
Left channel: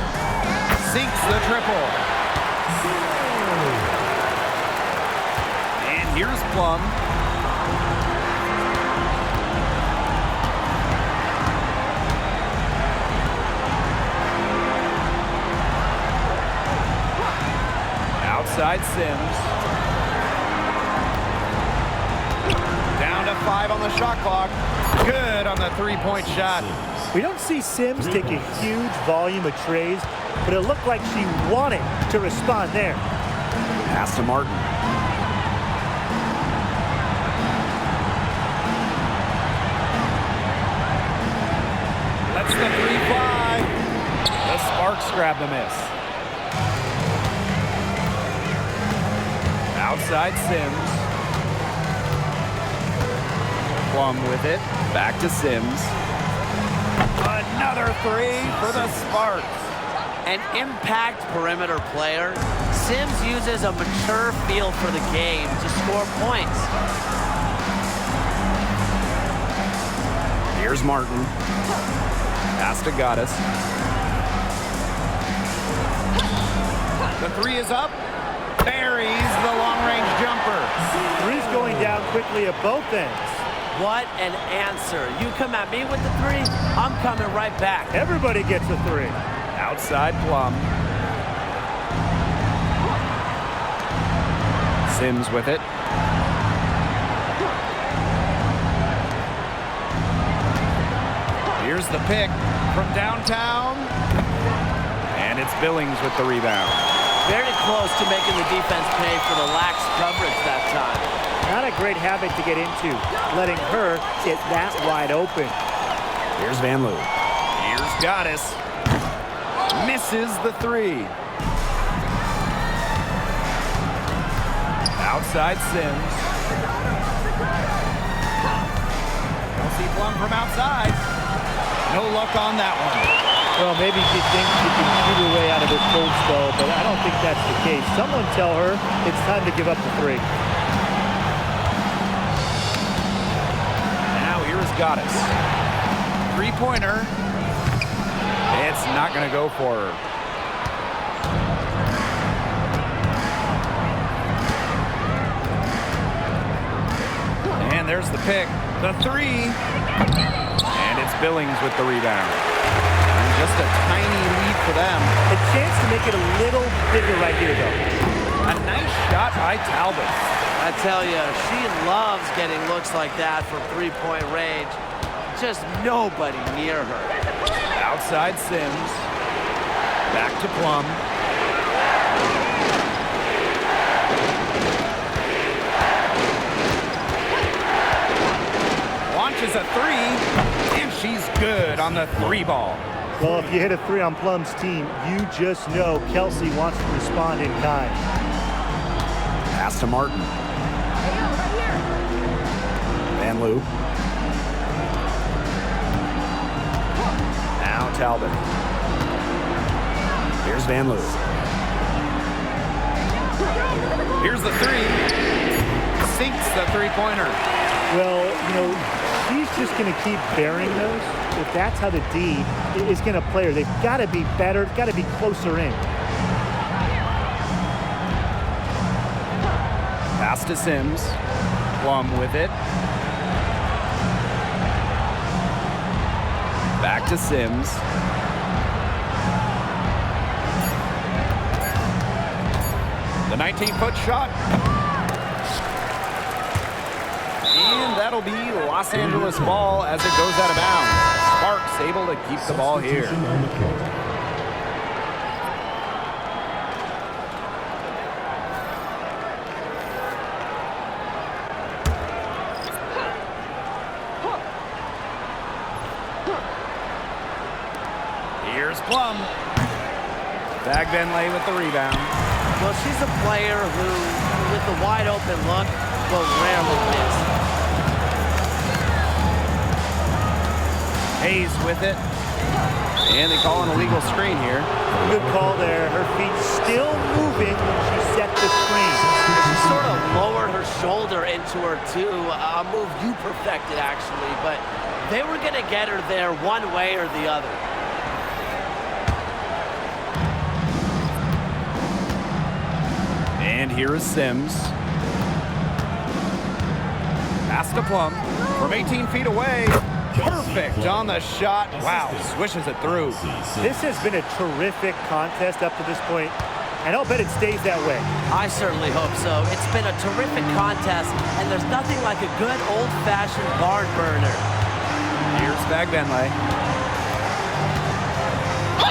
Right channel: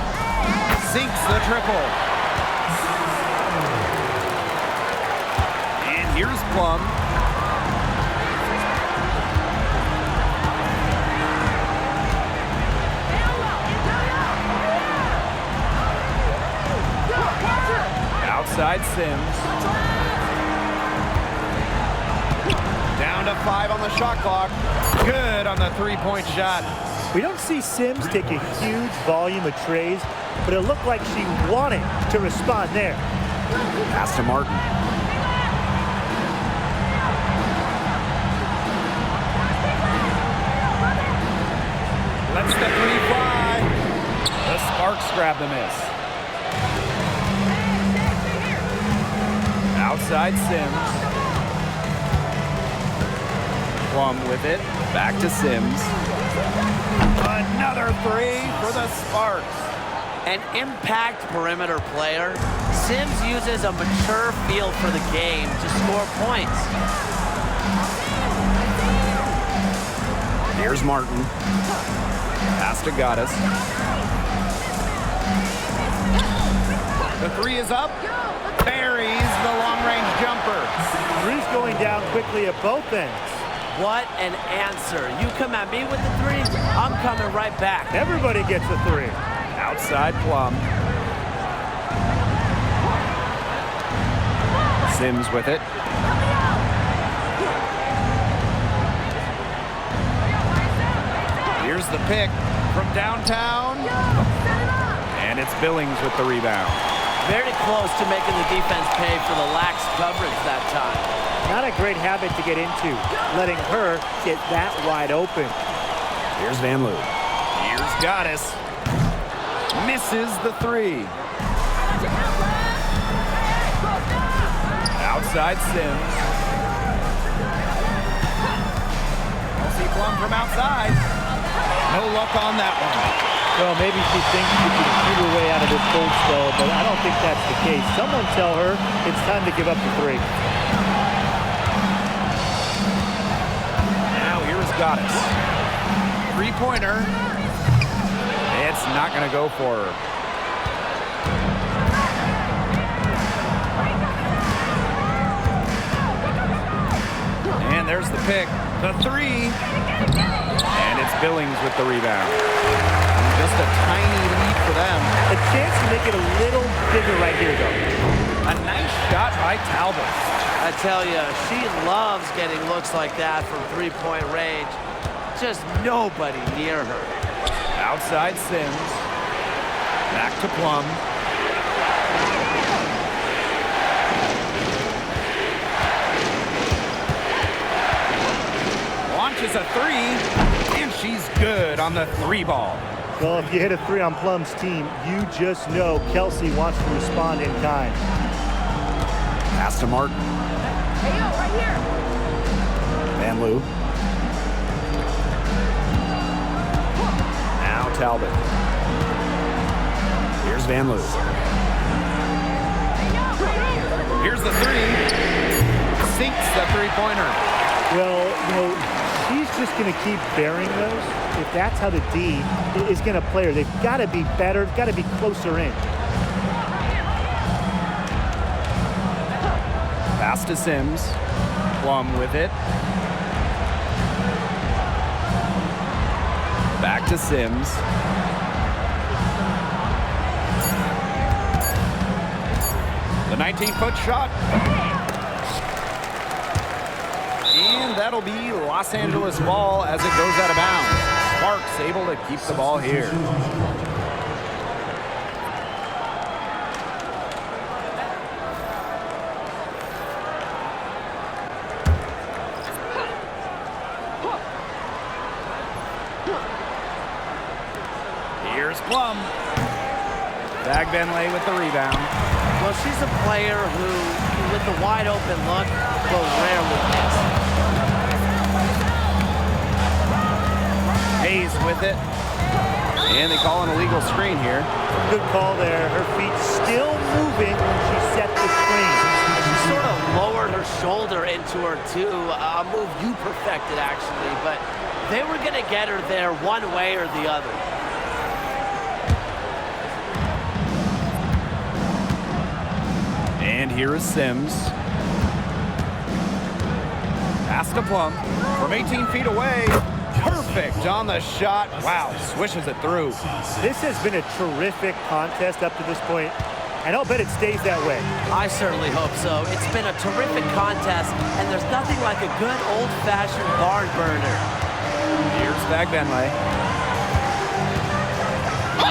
Sinks the triple. And here's Plum. Outside Sims. Down to 5 on the shot clock. Good on the three-point shot. We don't see Sims take a huge volume of trays, but it looked like she wanted to respond there. Pass to Martin. Lets the 3 fly. The Sparks grab the miss. Outside Sims. Plum with it. Back to Sims. Another 3 for the Sparks. An impact perimeter player, Sims uses a mature feel for the game to score points. Here's Martin. Pass to Goddess. The 3 is up. Buries the long-range jumper. 3's going down quickly at both ends. What an answer. You come at me with the 3, I'm coming right back. Everybody gets a 3. Outside Plum. Sims with it. Here's the pick from downtown. And it's Billings with the rebound. Very close to making the defense pay for the lax coverage that time. Not a great habit to get into, letting her get that wide open. Here's Van Loo. Here's Goddess. Misses the 3. Outside Sims. Kelsey Plum from outside. No luck on that one. Well, maybe she thinks she can shoot her way out of this cold spell, but I don't think that's the case. Someone tell her it's time to give up the 3. Now here's Goddess. Three-pointer. It's not going to go for her. And there's the pick. The 3. And it's Billings with the rebound. And just a tiny lead for them. A chance to make it a little bigger right here, though. A nice shot by Talbot. I tell you, she loves getting looks like that from three-point range. Just nobody near her. Outside Sims. Back to Plum. Launches a 3, and she's good on the 3 ball. Well, if you hit a 3 on Plum's team, you just know Kelsey wants to respond in kind. Pass to Martin. Hey, yo, right here. Van Loo. Now Talbot. Here's Van Loo. Here's the 3. Sinks the three-pointer. Well, you know, she's just going to keep burying those. If that's how the D is going to play her, they've got to be better, got to be closer in. Pass to Sims. Plum with it. Back to Sims. The 19-foot shot. And that'll be Los Angeles ball as it goes out of bounds. Sparks able to keep the ball here. Here's Plum. Bagbenlay with the rebound. Well, she's a player who, with the wide open look, will rarely miss. Hayes with it. And they call an illegal screen here. Good call there. Her feet still moving when she set the screen. She sort of lowered her shoulder into her, too. A move you perfected, actually. But they were going to get her there one way or the other. And here is Sims. Pass to Plum from 18 feet away. Perfect on the shot. Wow, swishes it through. This has been a terrific contest up to this point, and I'll bet it stays that way. I certainly hope so. It's been a terrific contest, and there's nothing like a good old-fashioned barn burner. Here's Bagbenlay.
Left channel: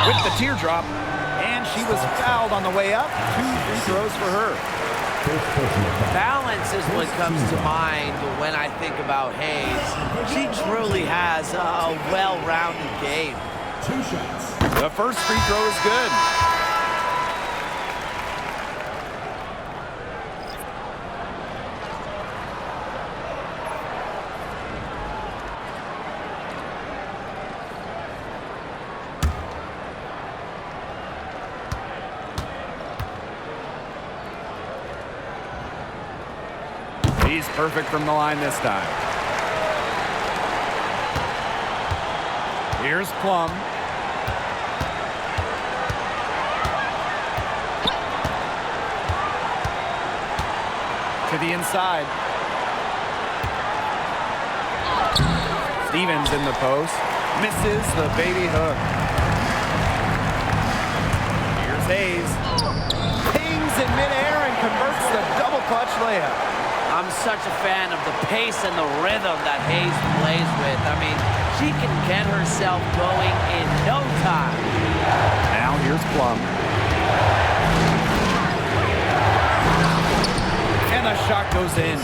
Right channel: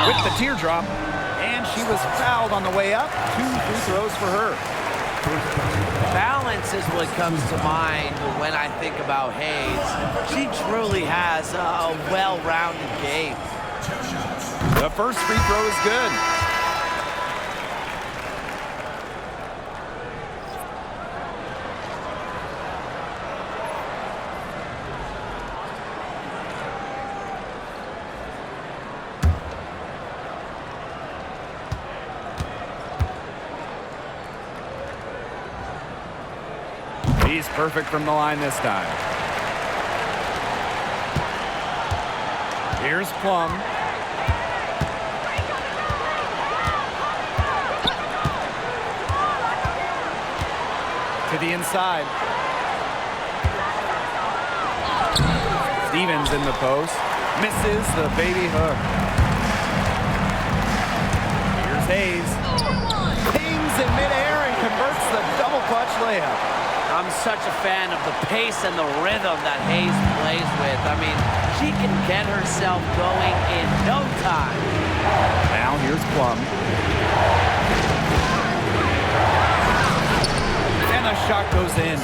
With the teardrop. And she was fouled on the way up. 2 free throws for her. Balance is what comes to mind when I think about Hayes. She truly has a well-rounded game. The first free throw is good. He's perfect from the line this time. Here's Plum. To the inside. Stevens in the post. Misses the baby hook. Here's Hayes. Pings in midair and converts the double clutch layup. I'm such a fan of the pace and the rhythm that Hayes plays with. I mean, she can get herself going in no time. Now here's Plum. And the shot goes in.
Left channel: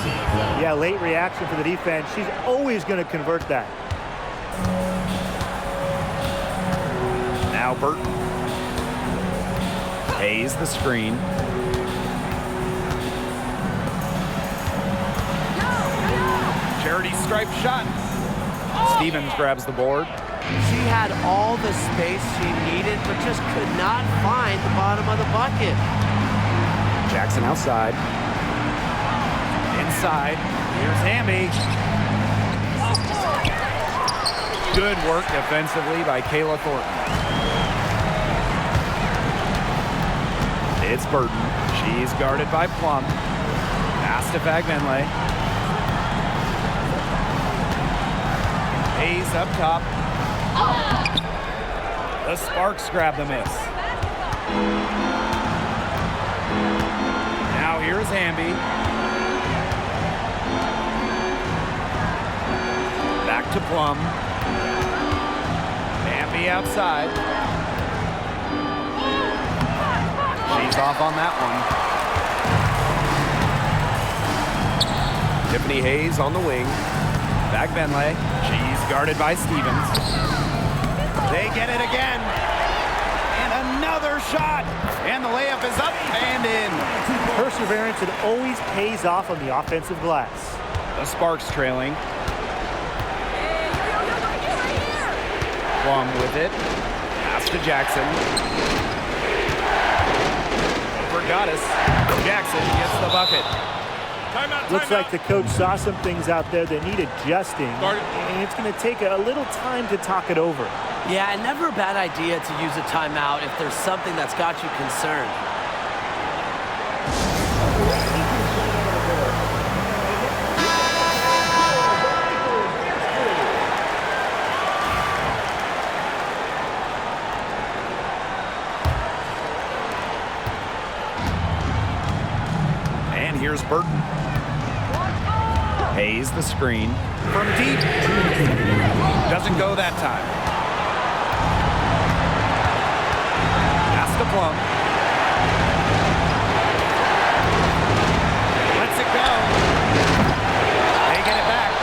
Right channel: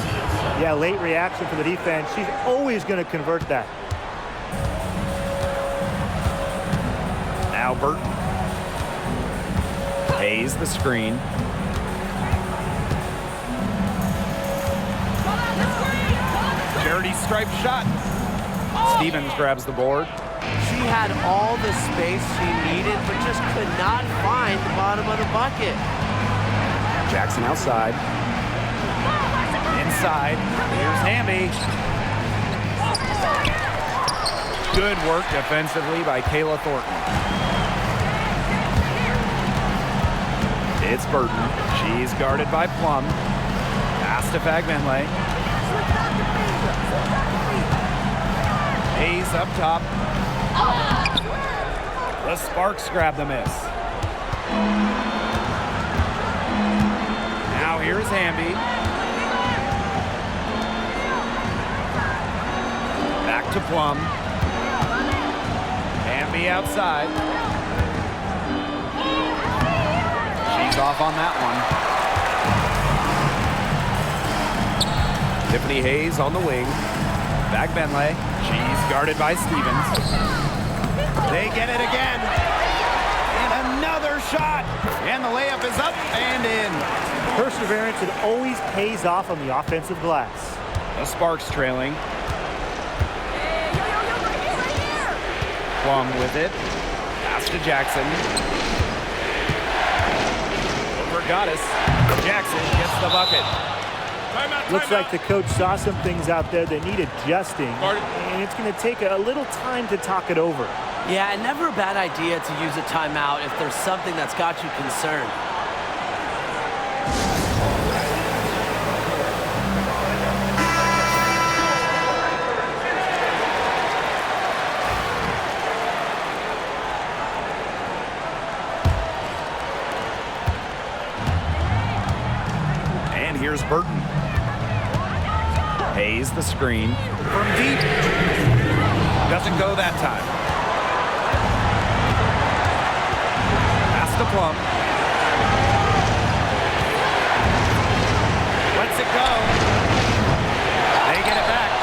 Yeah, late reaction for the defense. She's always going to convert that. Now Burton. Hayes the screen. Charity stripe shot. Stevens grabs the board. She had all the space she needed, but just could not find the bottom of the bucket. Jackson outside. Inside. Here's Hamby. Good work defensively by Kayla Thornton. It's Burton. She's guarded by Plum. Pass to Bagbenlay. Hayes up top. The Sparks grab the miss. Now here's Hamby. Back to Plum. Hamby outside. She's off on that one. Tiffany Hayes on the wing. Bagbenlay. She's guarded by Stevens. They get it again. And another shot. And the layup is up and in. Perseverance, it always pays off on the offensive glass. The Sparks trailing. Hey, yo, right here. Plum with it. Pass to Jackson. Over Goddess. Jackson gets the bucket. Looks like the coach saw some things out there that need adjusting, and it's going to take a little time to talk it over. Yeah, and never a bad idea to use a timeout if there's something that's got you concerned. And here's Burton. Hayes the screen from deep. Doesn't go that time. Pass to Plum. Lets it go. They get it back.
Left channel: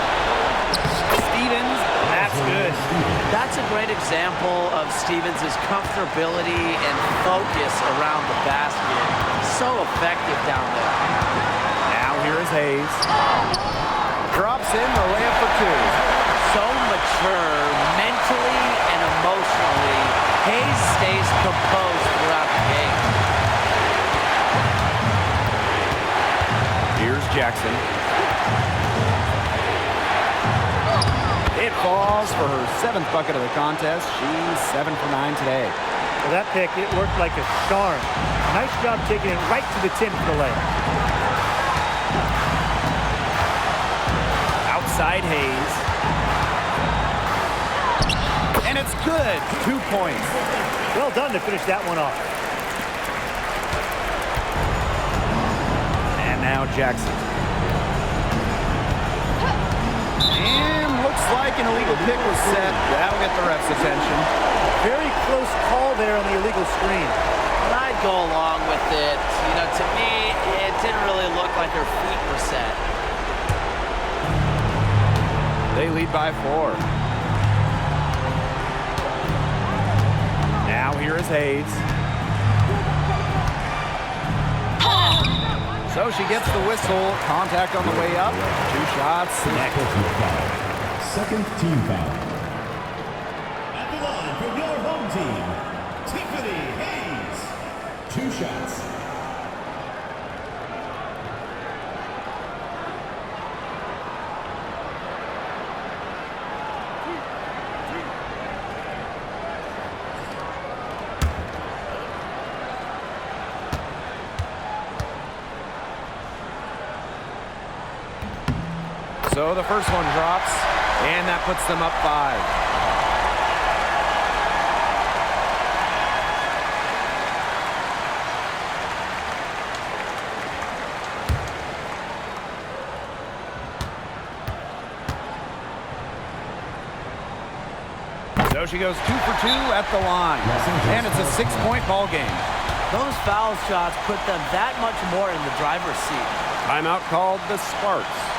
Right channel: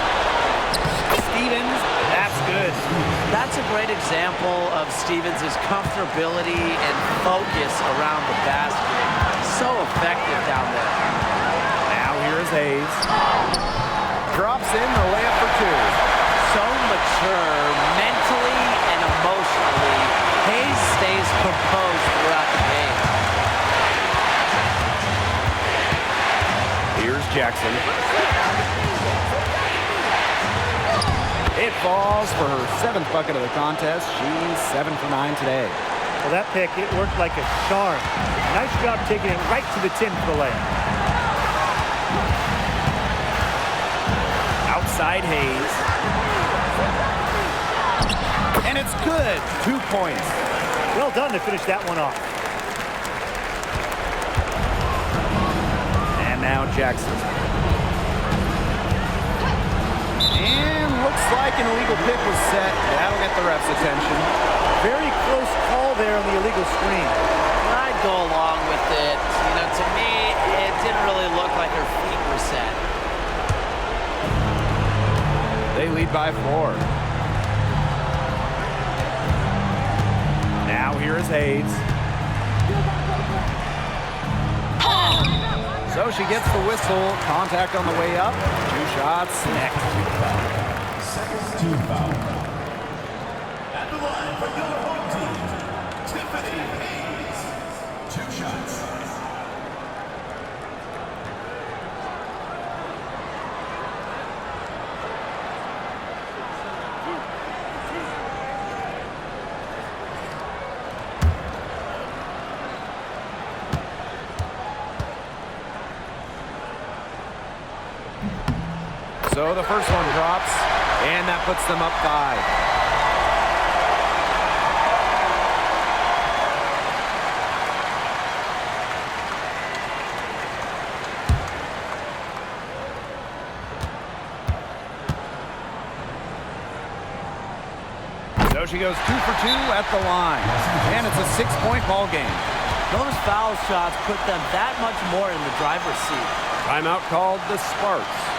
Stevens, that's That's good. That's a great example of Stevens' comfortability and focus around the basket. So effective down there. Now here is Hayes. Drops in the layup for two. So mature mentally and emotionally. Hayes stays composed throughout the game. Here's Jackson. It falls for her 7th bucket of the contest. She's 7 for 9 today. Well, that pick, it worked like a charm. Nice job taking it right to the tin for the layup. Outside Hayes. And it's good. 2 points. Well done to finish that one off. And now Jackson. And looks like an illegal pick was set. That'll get the ref's attention. Very close call there on the illegal screen. I'd go along with it. You know, to me, it didn't really look like her feet were set. They lead by 4. Now here is Hayes. So she gets the whistle. Contact on the way up. 2 shots next. Second team foul. At the line for your home team, Tiffany Hayes. 2 shots. So the first one drops, and that puts them up 5. So she goes 2 for 2 at the line, and it's a 6-point ball game. Those foul shots put them that much more in the driver's seat. Timeout called the Sparks.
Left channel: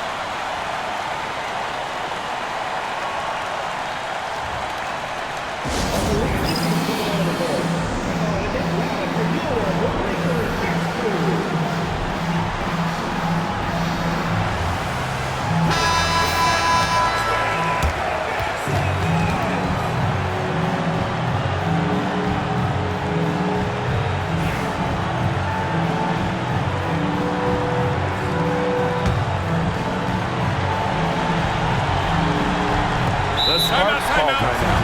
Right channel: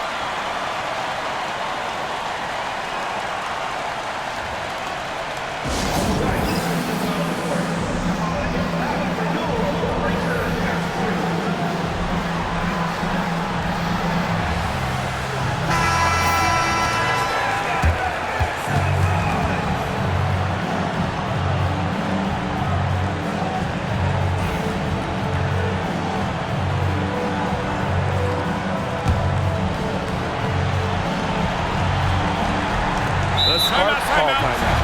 The Sparks call timeout.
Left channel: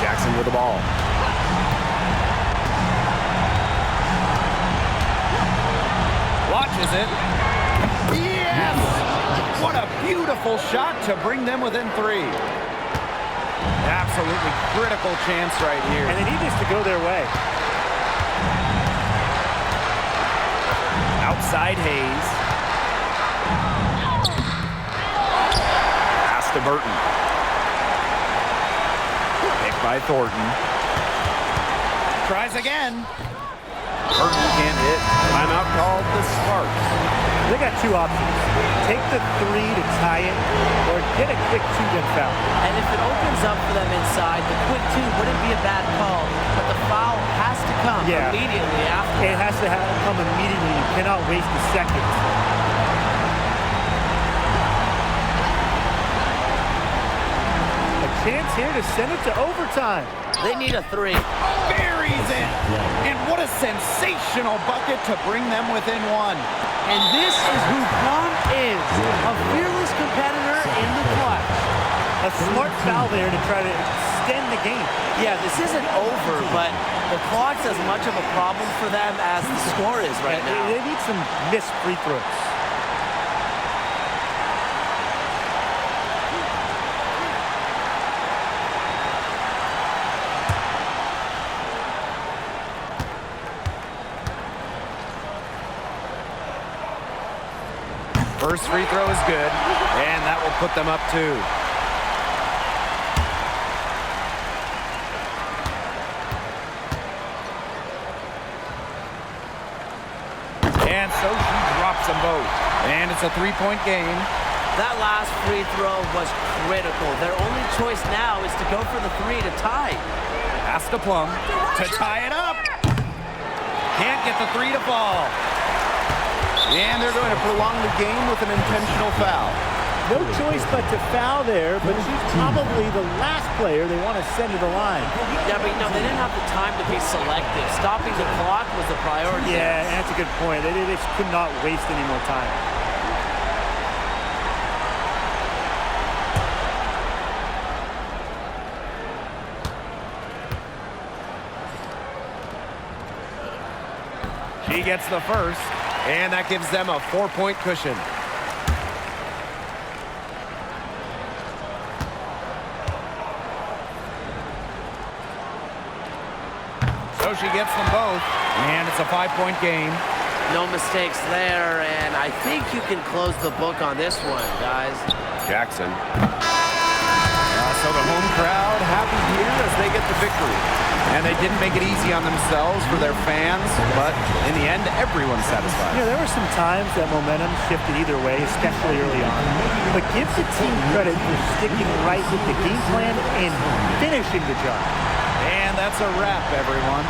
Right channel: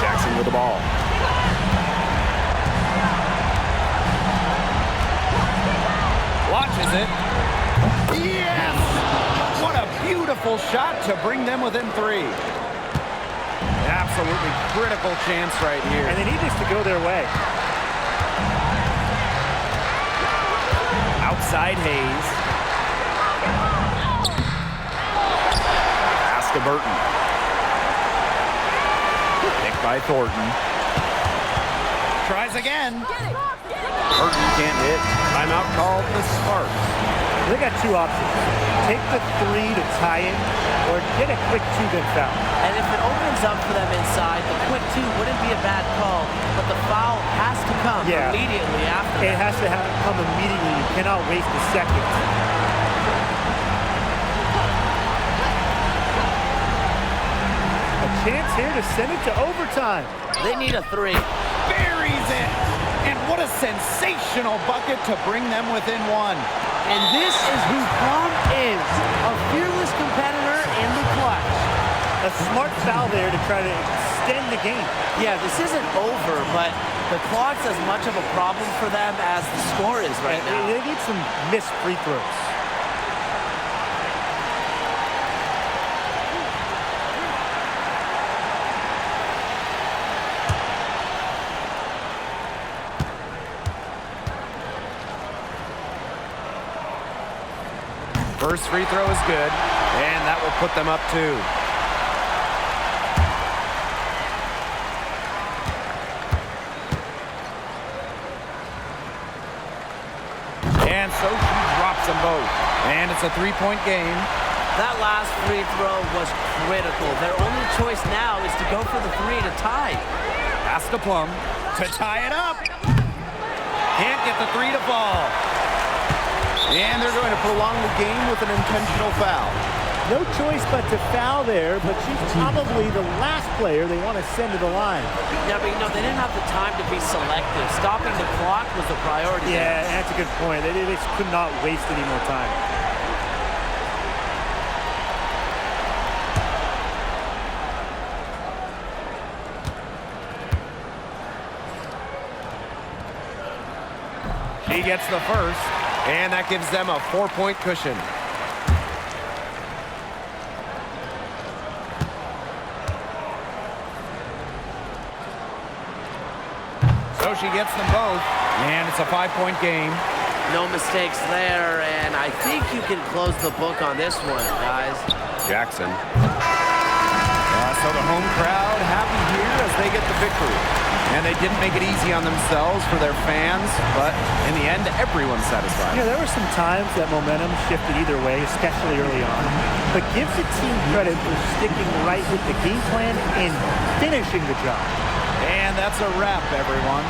Jackson with the ball. Watches it. Yes! What a beautiful shot to bring them within 3. Absolutely critical chance right here. And they need this to go their way. Outside Hayes. Pass to Burton. Picked by Thornton. Tries again. Burton can't hit. Timeout called the Sparks. They got 2 options. Take the 3 to tie it, or get a quick 2 then foul. And if it opens up for them inside, the quick 2 wouldn't be a bad call, but the foul has to come immediately after that. It has to come immediately. You cannot waste a second. A chance here to send it to overtime. They need a 3. Buries it. And what a sensational bucket to bring them within 1. And this is who Plum is, a fearless competitor in the clutch. A smart foul there to try to extend the game. Yeah, this isn't over, but the clock's as much of a problem for them as the score is right now. They need some missed free throws. First free throw is good, and that will put them up 2. And so she drops them both. And it's a 3-point game. That last free throw was critical. Their only choice now is to go for the 3 to tie. Pass to Plum to tie it up. Can't get the 3 to fall. And they're going to prolong the game with an intentional foul. No choice but to foul there, but she's probably the last player they want to send to the line. Yeah, but they didn't have the time to be selective. Stopping the clock was the priority. Yeah, there. and that's a good point. They just could not waste any more time. She gets the first, and that gives them a 4-point cushion. So she gets them both, and it's a 5-point game. No mistakes there, and I think you can close the book on this one, guys. Jackson. So the home crowd happy here as they get the victory. And they didn't make it easy on themselves for their fans, but in the end, everyone's satisfied. There were some times that momentum shifted either way, especially early on. But give the team credit for sticking right with the game plan and finishing the job. And that's a wrap, everyone.